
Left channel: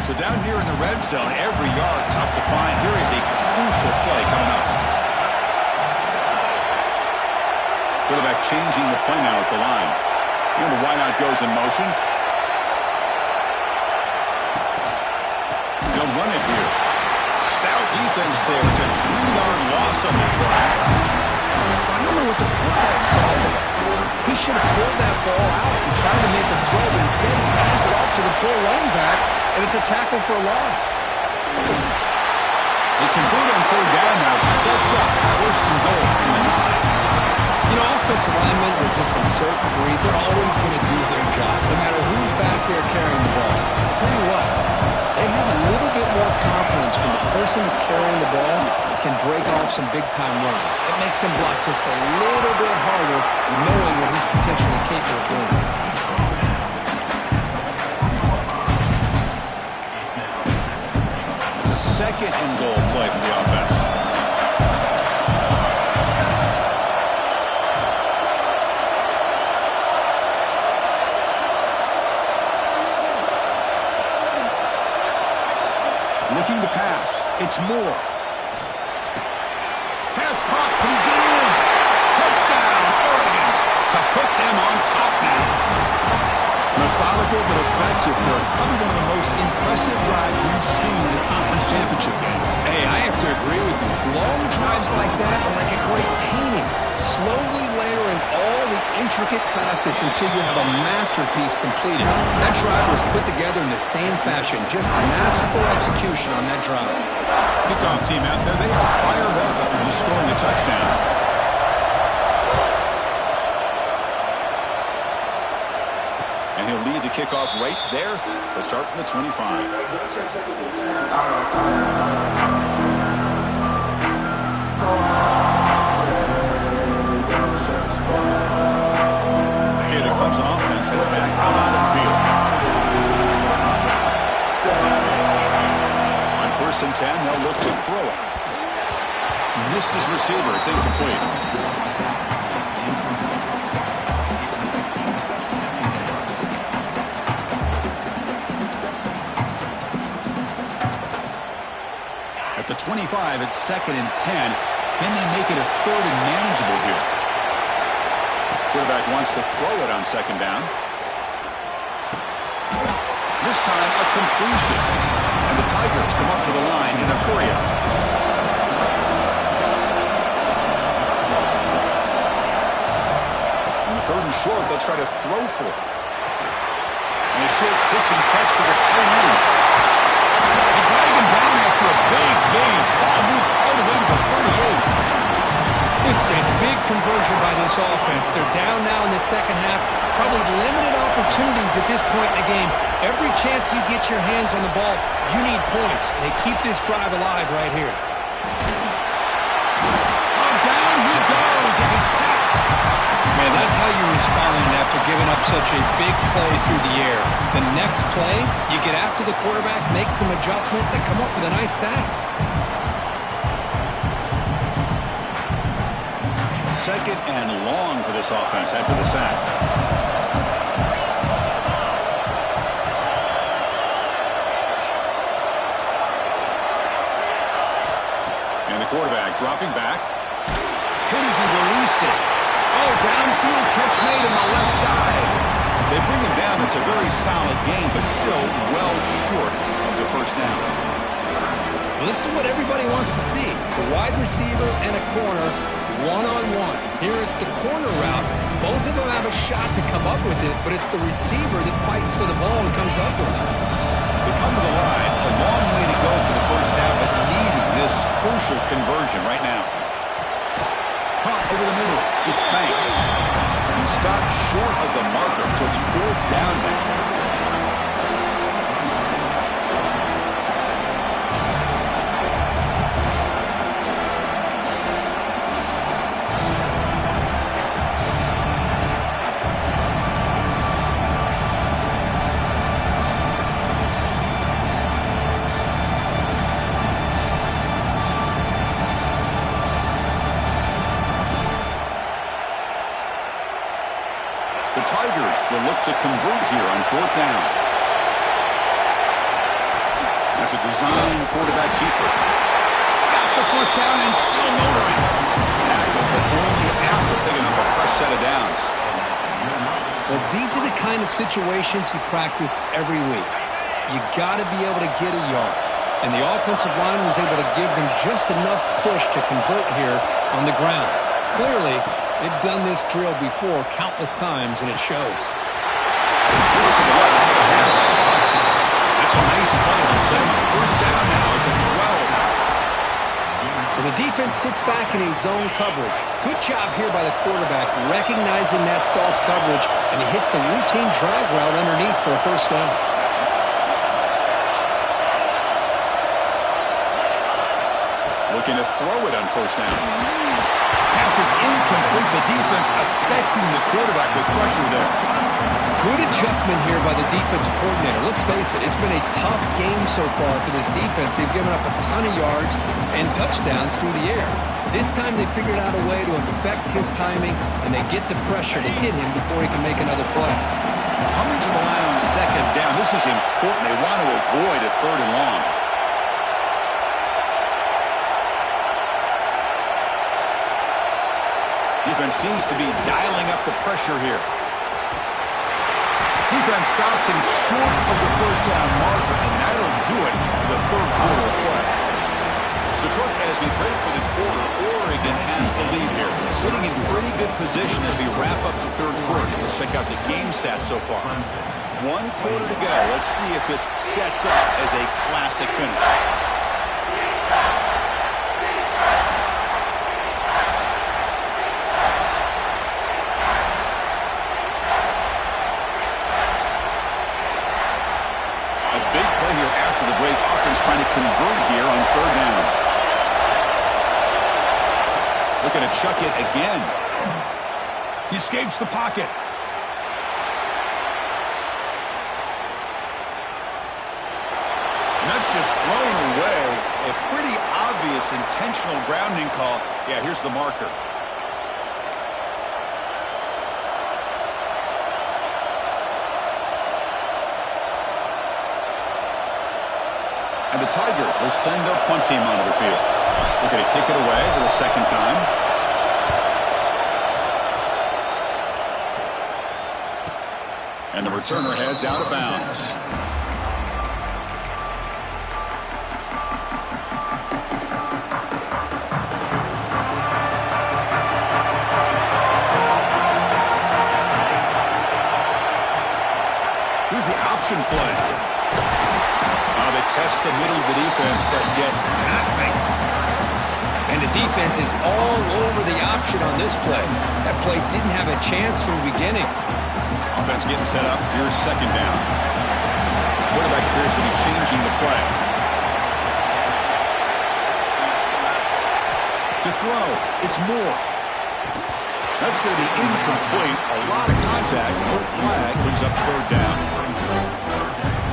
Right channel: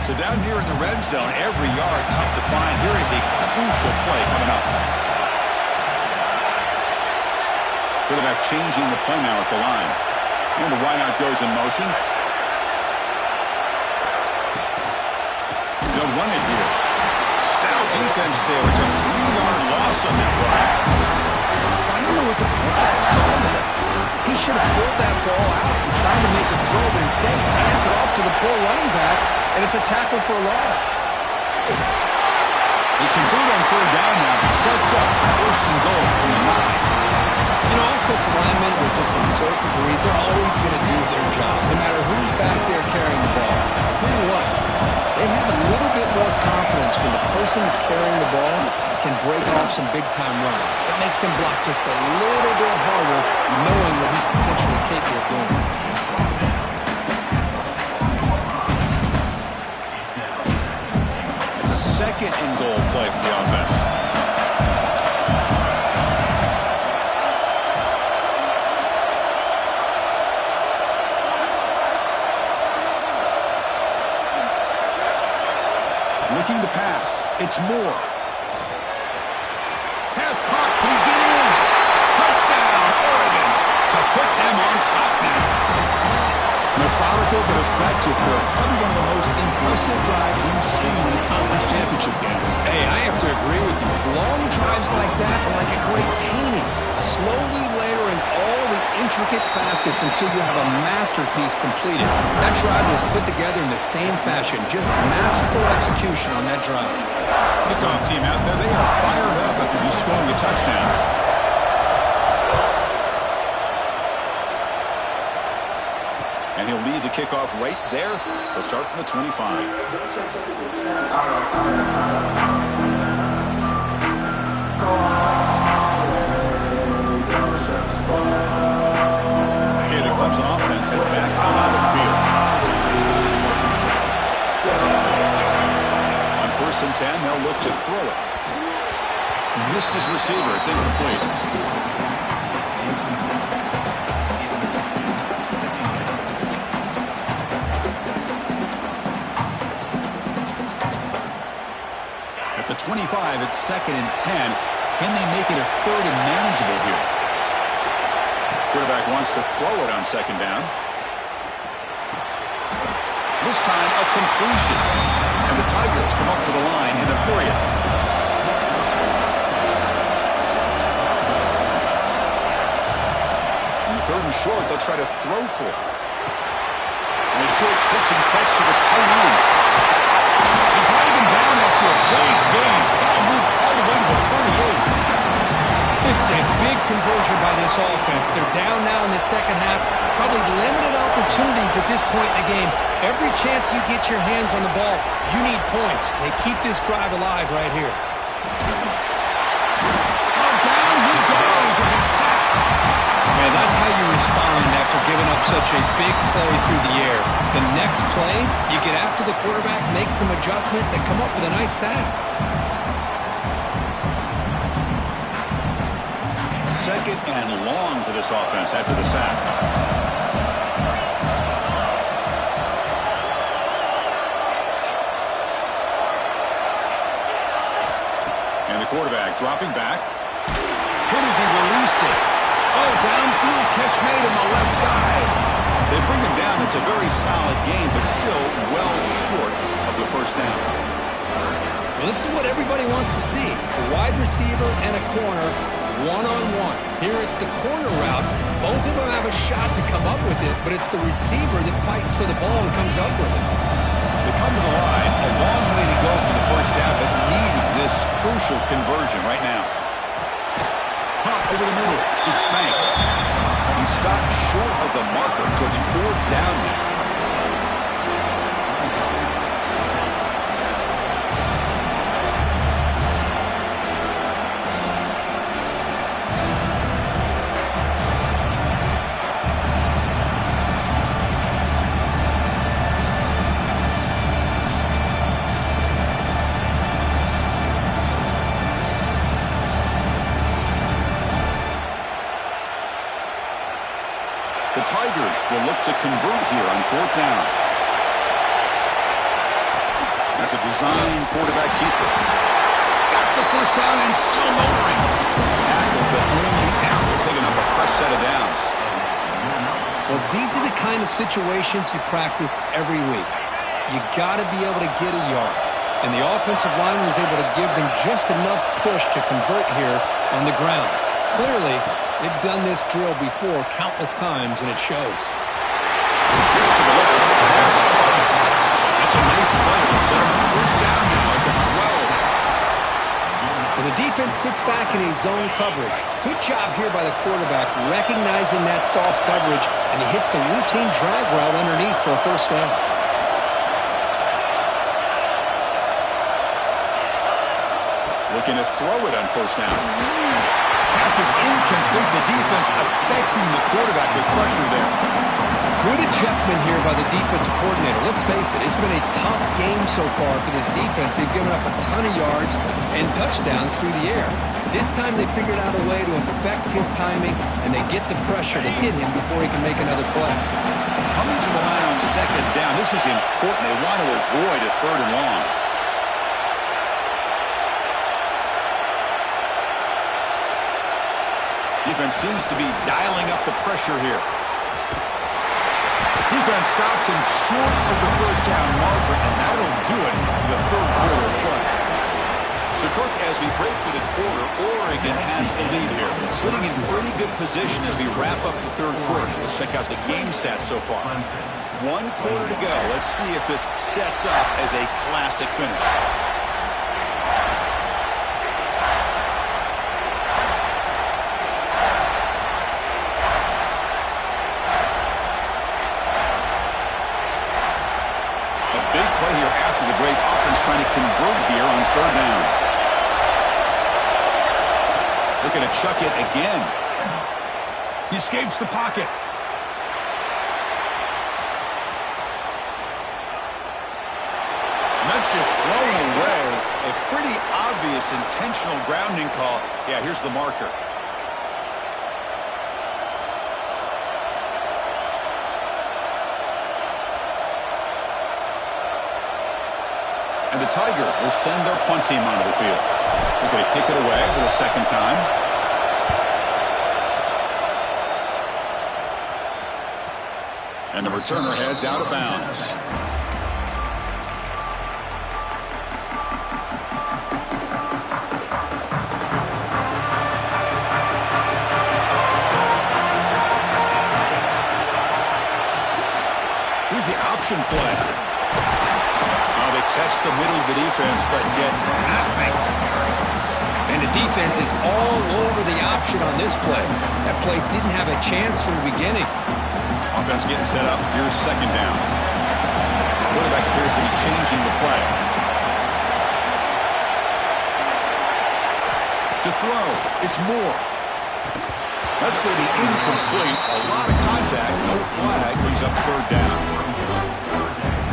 So down here in the red zone, every yard tough to find. Here is a crucial play coming up. Quarterback changing the play now at the line. And the wideout goes in motion. They'll run it here. Stout defense there. It's a 3-yard loss on that run. I don't know what the quarterback saw there. He should have pulled that ball out and tried to make a throw, but instead he hands it off to the poor running back, and it's a tackle for a loss. They convert on 3rd down now. Sets up 1st and goal from the 9. You know, offensive linemen are just a certain breed. They're always going to do their job, no matter who's back there carrying the ball. I'll tell you what, they have a little bit more confidence when the person that's carrying the ball can break off some big-time runs. It makes him block just a little bit harder, knowing what he's potentially capable of doing. It's a 2nd and goal play for the offense. Looking to pass. It's Moore. Pass caught. Can he get in? Touchdown, Oregon, to put them on top now. Methodical but effective, Kirk. Probably one of the most impressive drives we've seen in the conference championship game. Hey, I have to agree with you. Long drives like that are like a great painting. Slowly layering all the intricate facets until you have a masterpiece completed. That drive was put together in the same fashion. Just masterful execution on that drive. Kickoff team out there, they are fired up after just scoring a touchdown. And he'll lead the kickoff right there. They'll start from the 25. Okay, the Clemson offense heads back out onto the field. On 1st and 10, they'll look to throw it. Missed his receiver. It's incomplete. The 25 at 2nd and 10. Can they make it a 3rd and manageable here? Quarterback wants to throw it on 2nd down. This time a completion. And the Tigers come up to the line in a hurry-up. him short. They'll try to throw for it. And a short pitch and catch to the tight end. They drag him down after a big game. Ball moved all the way to the 38. This is a big conversion by this offense. They're down now in the second half. Probably limited opportunities at this point in the game. Every chance you get your hands on the ball, you need points. They keep this drive alive right here. Oh, down he goes. It's a sack. Man, that's how you respond after giving up such a big play through the air. The next play, you get after the quarterback, make some adjustments, and come up with a nice sack. Second and long for this offense after the sack. And the quarterback dropping back. Hit as he released it. Oh, downfield catch made on the left side. They bring him down. It's a very solid game, but still well short of the first down. Well, this is what everybody wants to see. A wide receiver and a corner, one-on-one. Here it's the corner route. Both of them have a shot to come up with it, but it's the receiver that fights for the ball and comes up with it. They come to the line. A long way to go for the first down, but needing this crucial conversion right now. Pop over the middle. It's Banks. He stopped short of the marker, so it's fourth down now. The Tigers will look to convert here on fourth down. That's a design quarterback keeper. Got the first down and still motoring. Tackle, but only after picking up a fresh set of downs. Well, these are the kind of situations you practice every week. You got to be able to get a yard. And the offensive line was able to give them just enough push to convert here on the ground. Clearly, they've done this drill before countless times, and it shows. Pitch to the left, pass caught. That's a nice play. It'll set him up first down now at the 12. Well, the defense sits back in a zone coverage. Good job here by the quarterback, recognizing that soft coverage, and he hits the routine drag route underneath for a first down. Looking to throw it on first down. Pass is incomplete. The defense affecting the quarterback with pressure there. Good adjustment here by the defensive coordinator. Let's face it, it's been a tough game so far for this defense. They've given up a ton of yards and touchdowns through the air. This time they figured out a way to affect his timing, and they get the pressure to hit him before he can make another play. Coming to the line on second down, this is important. They want to avoid a third and long. Defense seems to be dialing up the pressure here. Defense stops him short of the first down marker, and that'll do it for the third quarter of play. So, Kirk, as we break for the quarter, Oregon has the lead here. Sitting in pretty good position as we wrap up the third quarter. Let's check out the game stats so far. 1 quarter to go. Let's see if this sets up as a classic finish. Big play here after the break. Offense trying to convert here on third down. Looking to chuck it again. He escapes the pocket. And that's just thrown away. A pretty obvious intentional grounding call. Yeah, here's the marker. And the Tigers will send their punt team onto the field. They're going to kick it away for the second time. And the returner heads out of bounds. option play. Oh, they test the middle of the defense, but get nothing. And the defense is all over the option on this play. That play didn't have a chance from the beginning. Offense getting set up. Here's second down. Quarterback appears to be changing the play. To throw, it's Moore. That's going to be incomplete. A lot of contact, no flag, brings up third down.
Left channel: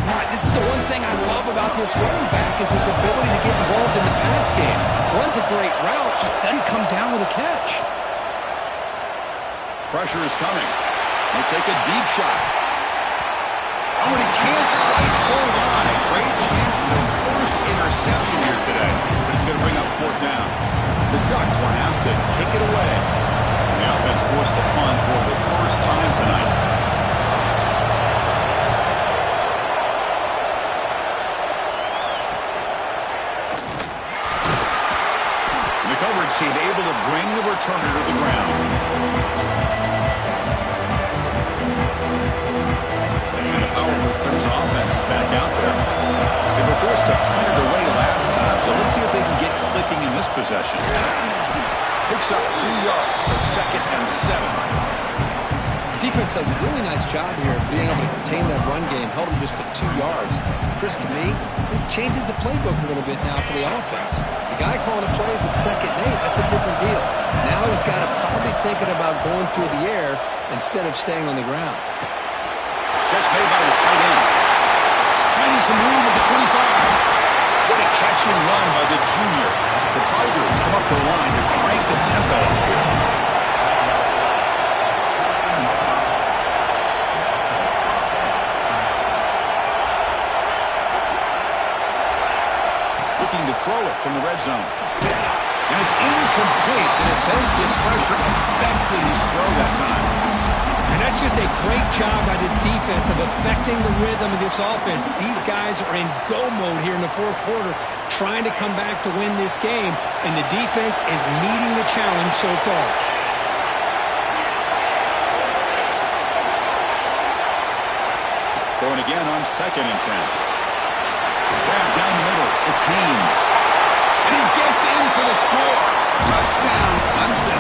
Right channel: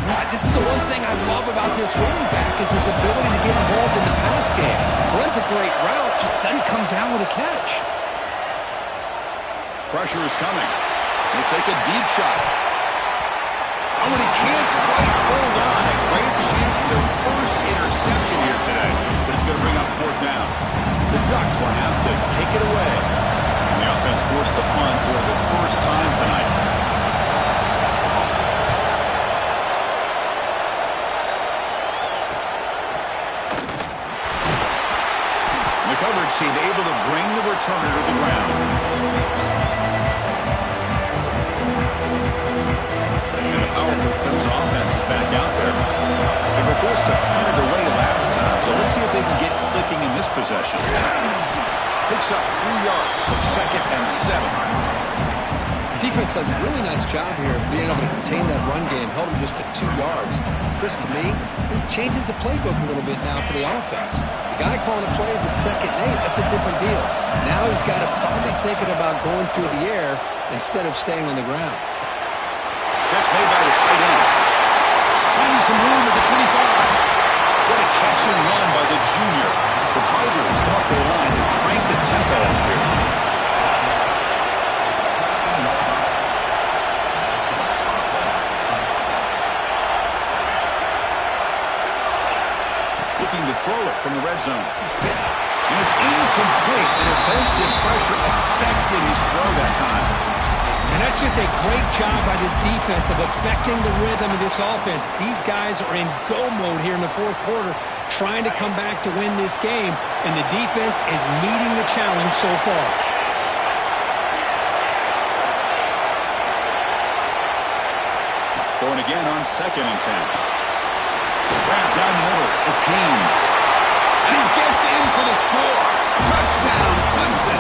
Right, this is the one thing I love about this running back is his ability to get involved in the pass game. Runs a great route, just doesn't come down with a catch. Pressure is coming. He'll take a deep shot. Oh, and he can't quite hold on. A great chance for their first interception here today, but it's going to bring up fourth down. The Ducks will have to kick it away. And the offense forced to punt for the first time tonight. And the coverage team able to bring the returner to the ground. And the powerful Crimson offense is back out there. They were forced to punt it away last time, so let's see if they can get clicking in this possession. Picks up 3 yards, so 2nd and 7. The defense does a really nice job here of being able to contain that run game, held them just at 2 yards. Chris, to me, this changes the playbook a little bit now for the offense. The guy calling the plays at 2nd and 8, that's a different deal. Now he's got to probably thinking about going through the air instead of staying on the ground. Catch made by the tight end. Finding some room at the 25. What a catch and run by the junior. The Tigers come up to the line to crank the tempo up here. Looking to throw it from the red zone. And it's incomplete. The defensive pressure affected his throw that time. And that's just a great job by this defense of affecting the rhythm of this offense. These guys are in go mode here in the fourth quarter, trying to come back to win this game, and the defense is meeting the challenge so far. Throwing again on 2nd and 10. Grab down the middle. It's Haynes. And he gets in for the score. Touchdown, Clemson.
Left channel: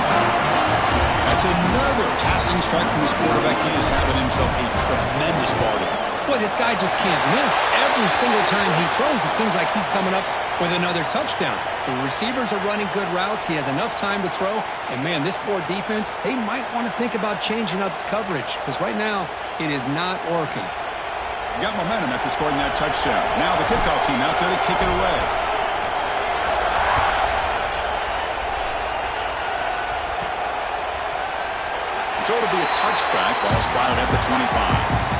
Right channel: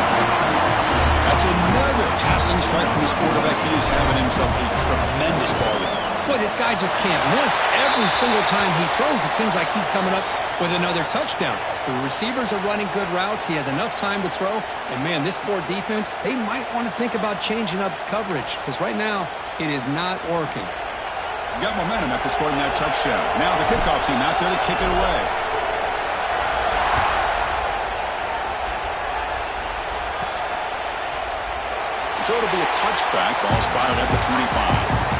That's another passing strike from his quarterback. He is having himself a tremendous ball game. Boy, this guy just can't miss. Every single time he throws, it seems like he's coming up with another touchdown. The receivers are running good routes. He has enough time to throw. And, man, this poor defense, they might want to think about changing up coverage because right now it is not working. Got momentum after scoring that touchdown. Now the kickoff team out there to kick it away. So it'll be a touchback. Ball spotted at the 25.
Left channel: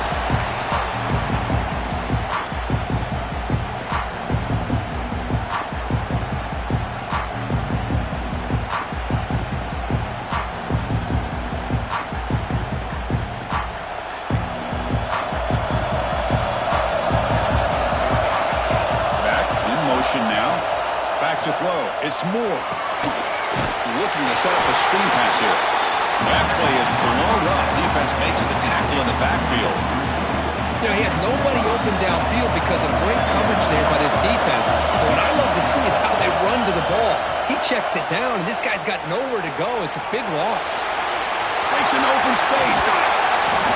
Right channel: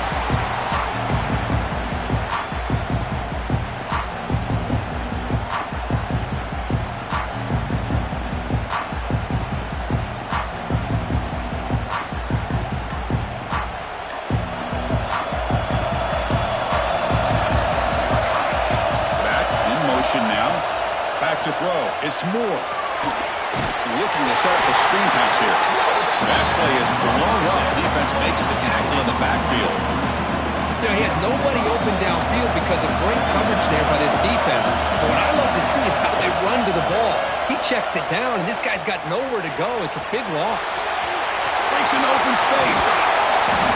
Now, back to throw. It's Moore. Looking to set up a screen pass here. That play is blown up. Defense makes the tackle in the backfield. You know, he had nobody open downfield because of great coverage there by this defense. But what I love to see is how they run to the ball. He checks it down, and this guy's got nowhere to go. It's a big loss. Breaks into open space.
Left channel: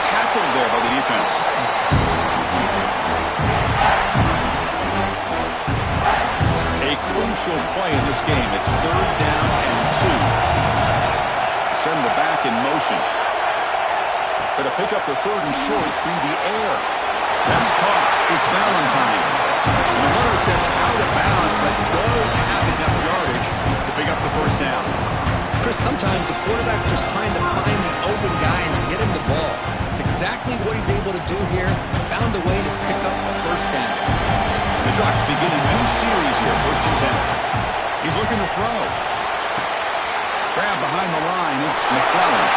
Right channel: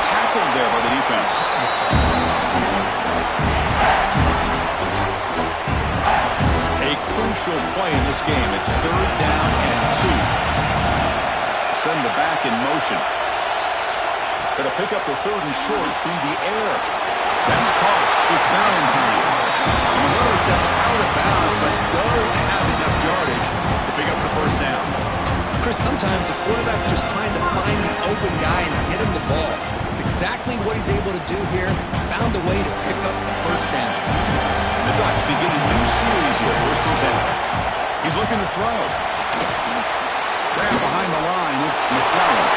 Tackled there by the defense. A crucial play in this game. It's 3rd down and 2. Send the back in motion. Going to pick up the 3rd and short through the air. That's caught. It's Valentine. And the runner steps out of bounds, but does have enough yardage to pick up the first down. Chris, sometimes the quarterback's just trying to find the open guy and get him the ball. It's exactly what he's able to do here. Found a way to pick up the first down. The Ducks begin a new series here, 1st and 10. He's looking to throw. Grab behind the line, it's McClellan.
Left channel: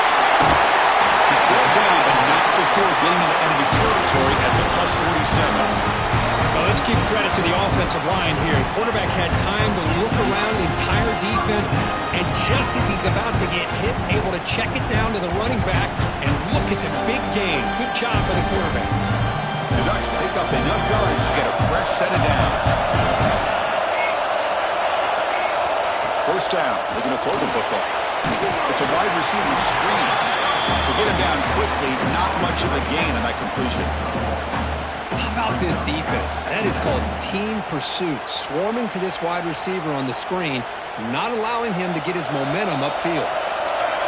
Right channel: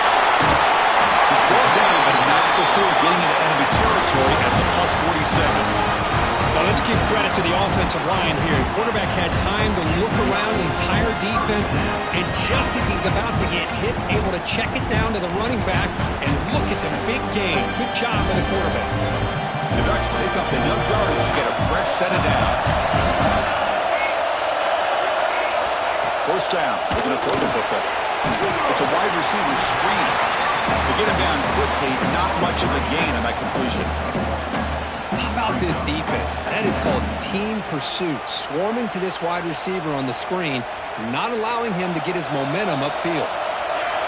He's brought down, but not before getting into enemy territory at the +47. Well, let's give credit to the offensive line here. The quarterback had time to look around the entire defense, and just as he's about to get hit, able to check it down to the running back, and look at the big gain. Good job by the quarterback. The Ducks pick up enough yards to get a fresh set of downs. First down. They're going to throw the football. It's a wide receiver screen. They get him down quickly. Not much of a gain on that completion. How about this defense? That is called team pursuit. Swarming to this wide receiver on the screen, not allowing him to get his momentum upfield.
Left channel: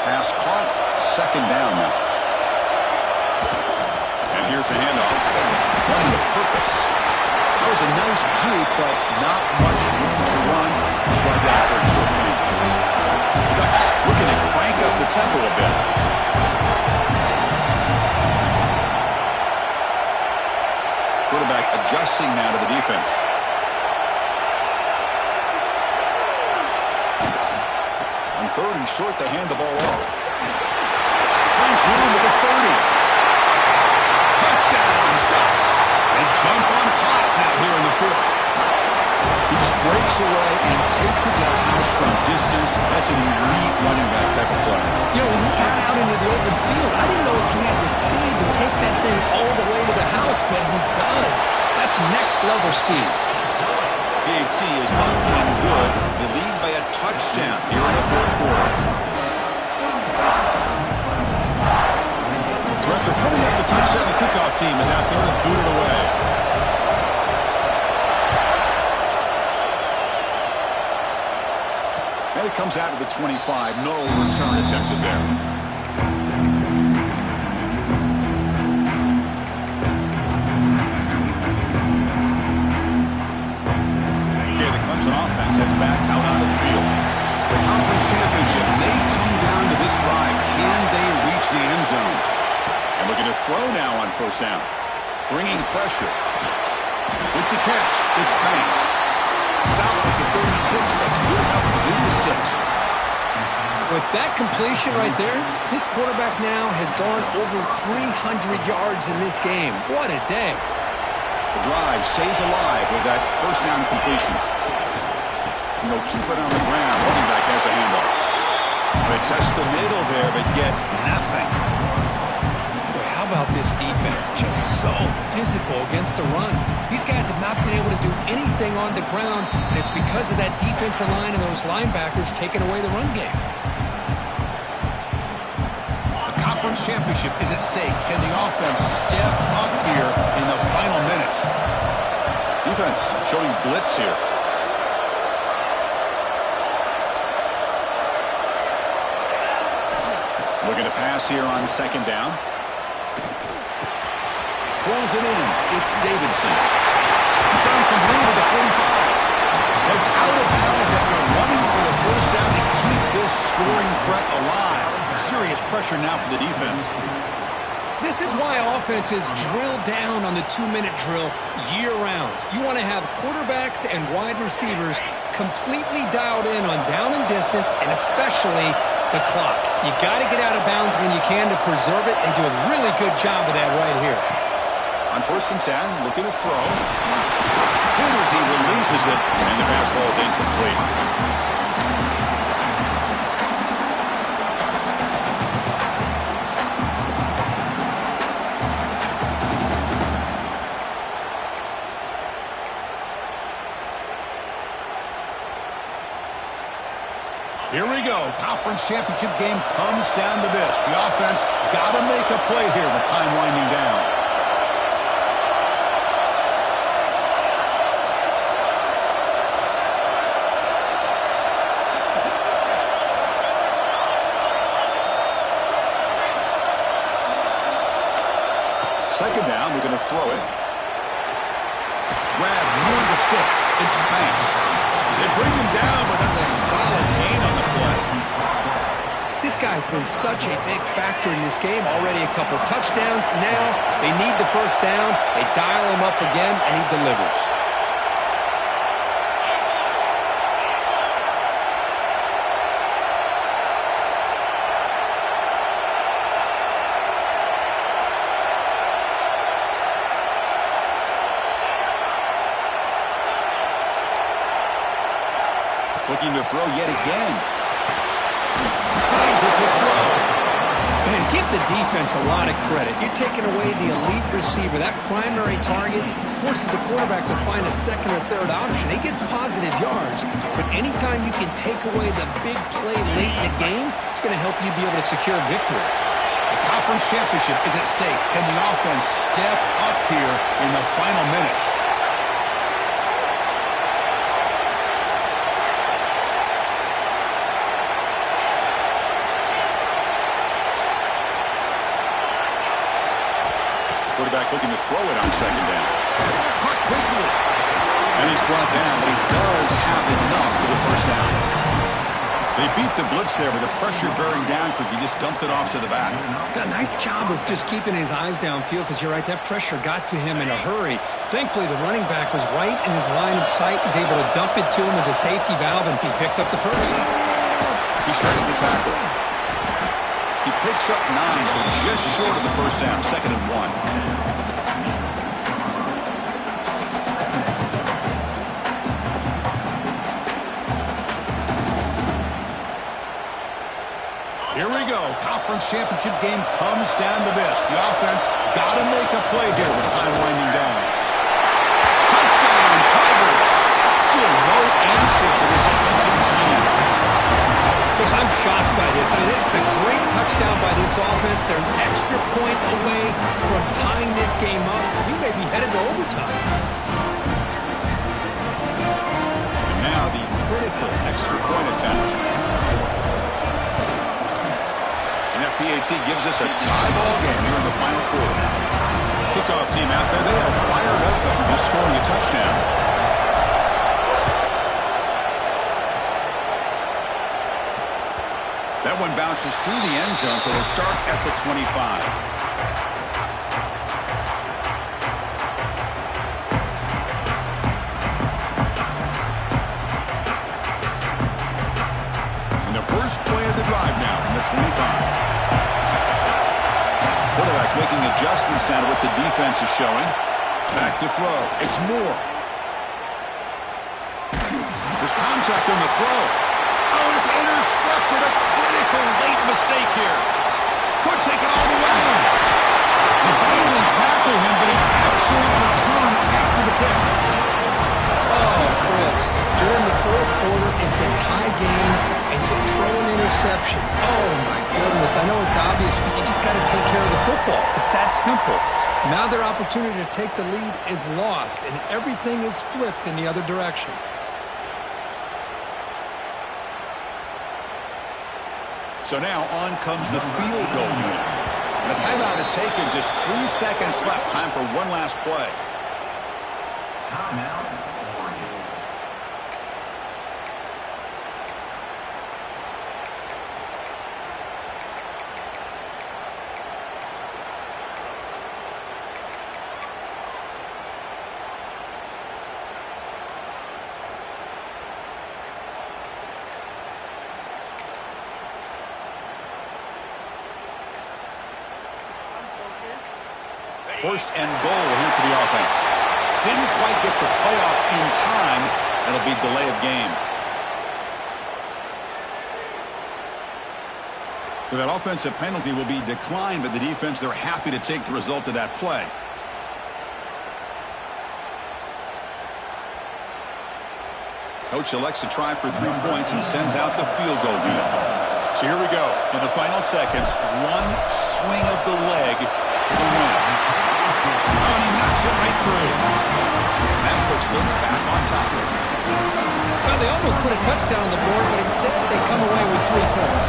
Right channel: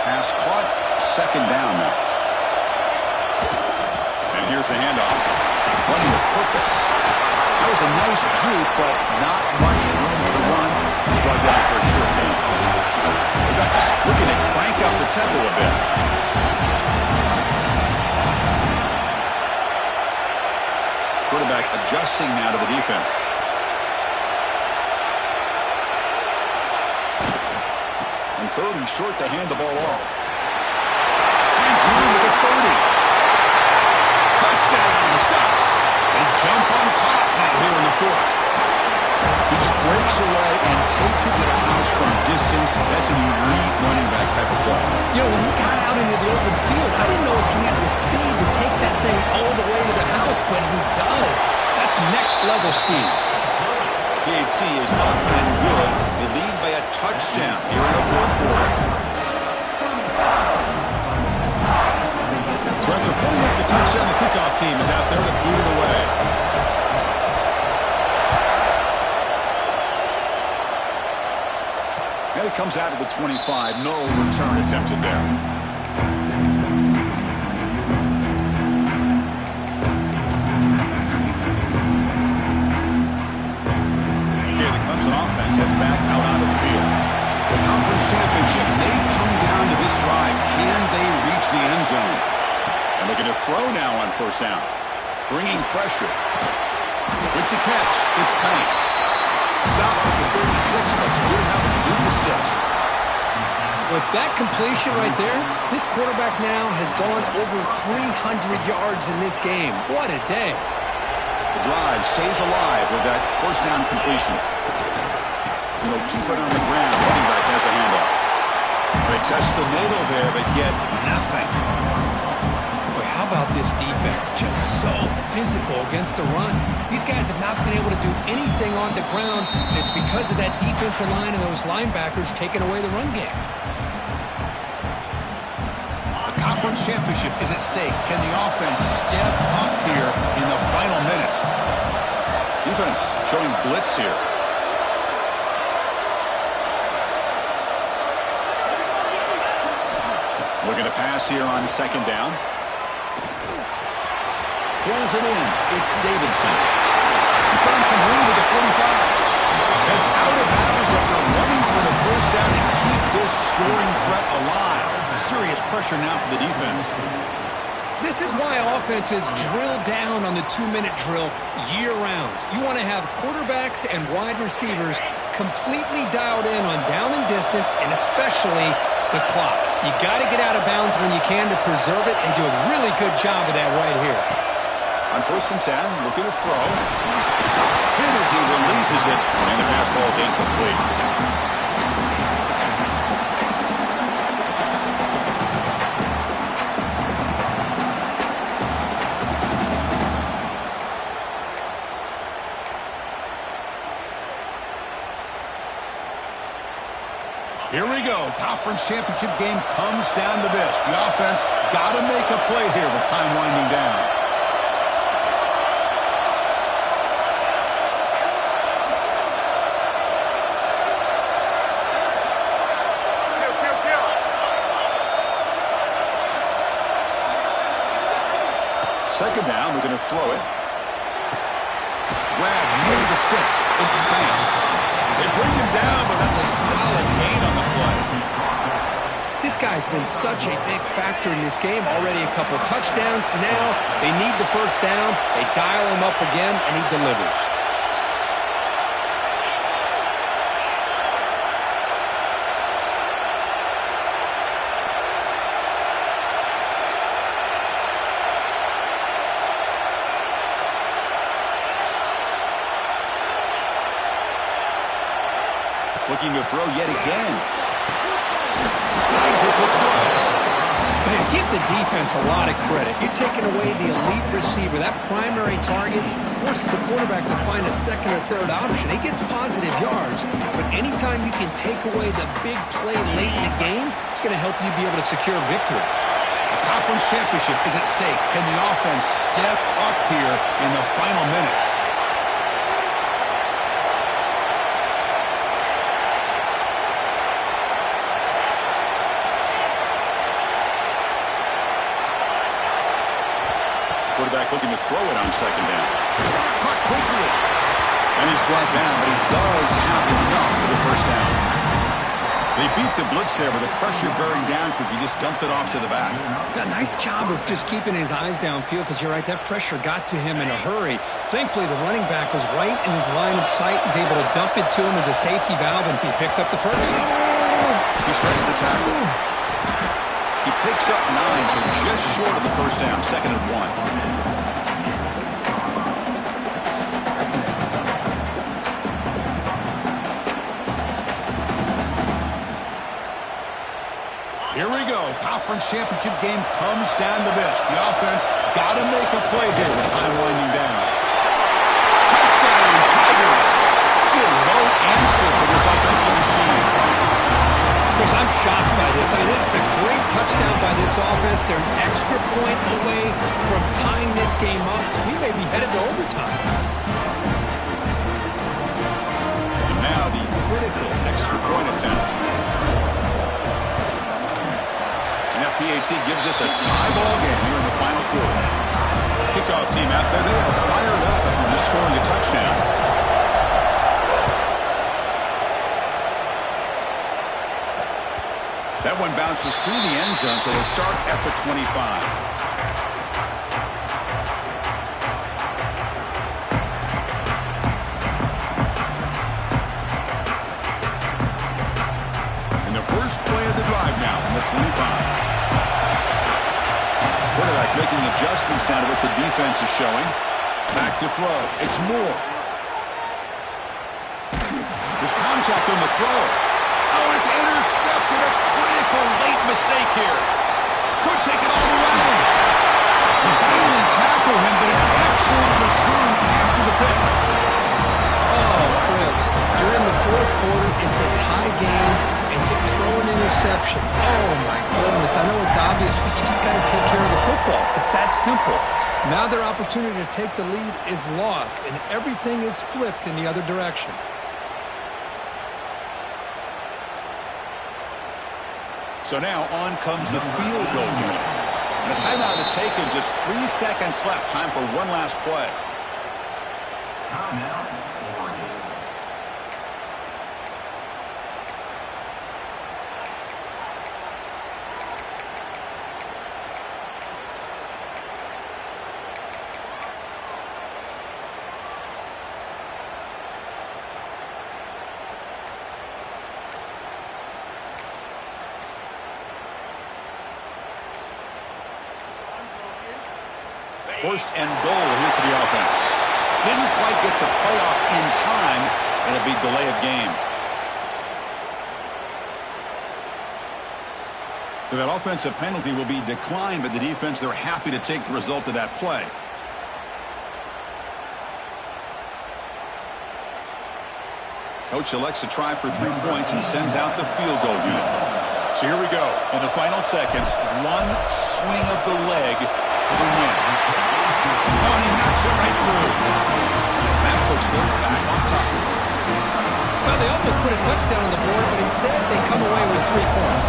Pass caught. Second down now. And here's the handoff. Running with purpose. That was a nice juke, but not much room to run. He's brought down for a short gain. The Ducks looking to crank up the tempo a bit. Quarterback adjusting now to the defense. On third and short, they hand the ball off. Finds room with the 30. Touchdown, Ducks. They jump on top now here in the fourth. He just breaks away and takes it to the house from distance. That's an elite running back type of play. You know, when he got out into the open field, I didn't know if he had the speed to take that thing all the way to the house, but he does. That's next level speed. PAT is up and good. They lead by a touchdown here in the fourth quarter. After putting up the touchdown, the kickoff team is out there to boot it away. And it comes out to the 25. No return attempted there. Okay, the Clemson offense heads back out onto the field. The conference championship may come down to this drive. Can they reach the end zone? And looking to throw now on first down. Bringing pressure. With the catch, it's Banks. Stop at the 36. That's good enough to beat the sticks. With that completion right there, this quarterback now has gone over 300 yards in this game. What a day. The drive stays alive with that first down completion. And they'll keep it on the ground. Running back has the handoff. They test the middle there, but get nothing. How about this defense? Just so physical against the run. These guys have not been able to do anything on the ground, and it's because of that defensive line and those linebackers taking away the run game. The conference championship is at stake. Can the offense step up here in the final minutes? Defense showing blitz here. Looking to pass here on second down. Pulls it in. It's Davidson. He's found some room with the 45. It's out of bounds after running for the first down to keep this scoring threat alive. Serious pressure now for the defense. This is why offenses drill down on the 2-minute drill year-round. You want to have quarterbacks and wide receivers completely dialed in on down and distance, and especially the clock. You got to get out of bounds when you can to preserve it. They do a really good job of that right here. On first and 10, looking to throw. Hit as he releases it, and the pass ball is incomplete. Here we go. Conference championship game comes down to this. The offense got to make a play here with time winding down. Second down, we're going to throw it. Grab near the sticks. It's Banks. They bring him down, but that's a solid gain on the play. This guy's been such a big factor in this game. Already a couple touchdowns. Now they need the first down. They dial him up again, and he delivers. Looking to throw yet again. Snags the quick throw. Man, Give the defense a lot of credit. You're taking away the elite receiver. That primary target forces the quarterback to find a second or third option. He gets positive yards, but anytime you can take away the big play late in the game, it's going to help you be able to secure victory. The conference championship is at stake. Can the offense step up here in the final minutes? Quarterback looking to throw it on second down. Caught quickly. And he's brought down, but he does have enough for the first down. They beat the blitz there with the pressure bearing down quick. He just dumped it off to the back. A nice job of just keeping his eyes downfield because you're right, that pressure got to him in a hurry. Thankfully, the running back was right in his line of sight. He's able to dump it to him as a safety valve, and he picked up the first. He shreds the tackle. He picks up 9, so just short of the first down. 2nd and 1. Here we go. Conference championship game comes down to this. The offense got to make a play here with time winding down. Touchdown, Tigers. Still no answer for this offensive machine. Chris, I'm shocked by this. I mean, it's a great touchdown by this offense. They're an extra point away from tying this game up. We may be headed to overtime. And now the critical extra point attempt. And that PAT gives us a tie ball game here in the final quarter. Kickoff team out there. They are fired up after just scoring a touchdown. That one bounces through the end zone, so they'll start at the 25. And the first play of the drive now from the 25. Quarterback making adjustments now to what the defense is showing. Back to throw. It's Moore. There's contact on the throw. Oh, it's intercepted. A critical late mistake here. Could take it all the way. They finally tackle him, but an excellent return after the pick. Oh, Chris, you're in the fourth quarter. It's a tie game, and you throw an interception. Oh, my goodness. I know it's obvious, but you just got to take care of the football. It's that simple. Now their opportunity to take the lead is lost, and everything is flipped in the other direction. So now on comes the field goal unit. And a timeout is taken. Just 3 seconds left. Time for one last play. Timeout, Oregon. First and goal here for the offense. Didn't quite get the playoff in time. It'll be delay of game. So that offensive penalty will be declined by the defense. They're happy to take the result of that play. Coach elects to try for 3 points and sends out the field goal unit. So here we go. In the final seconds, one swing of the leg for the win. Oh, and he knocks it right through. That puts them back on top. Well, they almost put a touchdown on the board, but instead they come away with 3 points.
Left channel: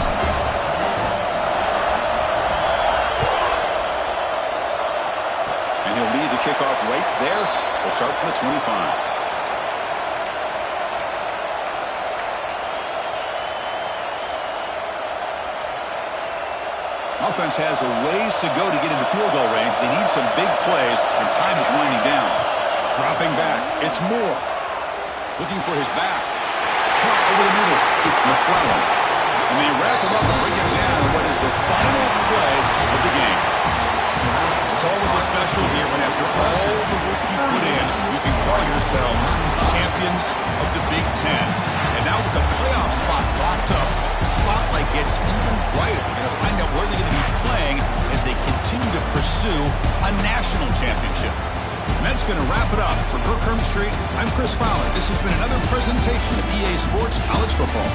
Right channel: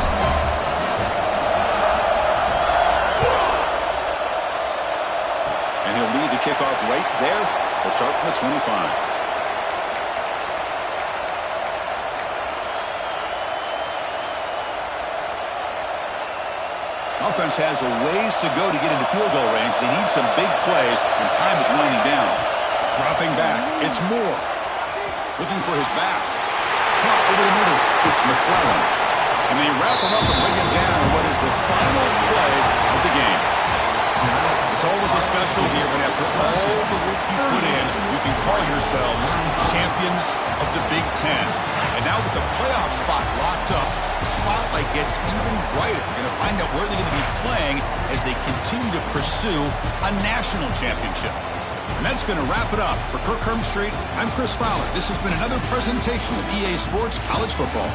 And he'll lead the kickoff right there. They'll start from the 25. Offense has a ways to go to get into field goal range. They need some big plays, and time is winding down. Dropping back, it's Moore. Looking for his back. Caught over the middle, it's McClellan. And they wrap him up and bring him down on what is the final play of the game. It's always a special here when after all the work you put in, you can call yourselves champions of the Big Ten. And now with the playoff spot locked up, the spotlight spotlight gets even brighter. We're going to find out where they're going to be playing as they continue to pursue a national championship. And that's going to wrap it up. For Kirk Street, I'm Chris Fowler. This has been another presentation of EA Sports College Football.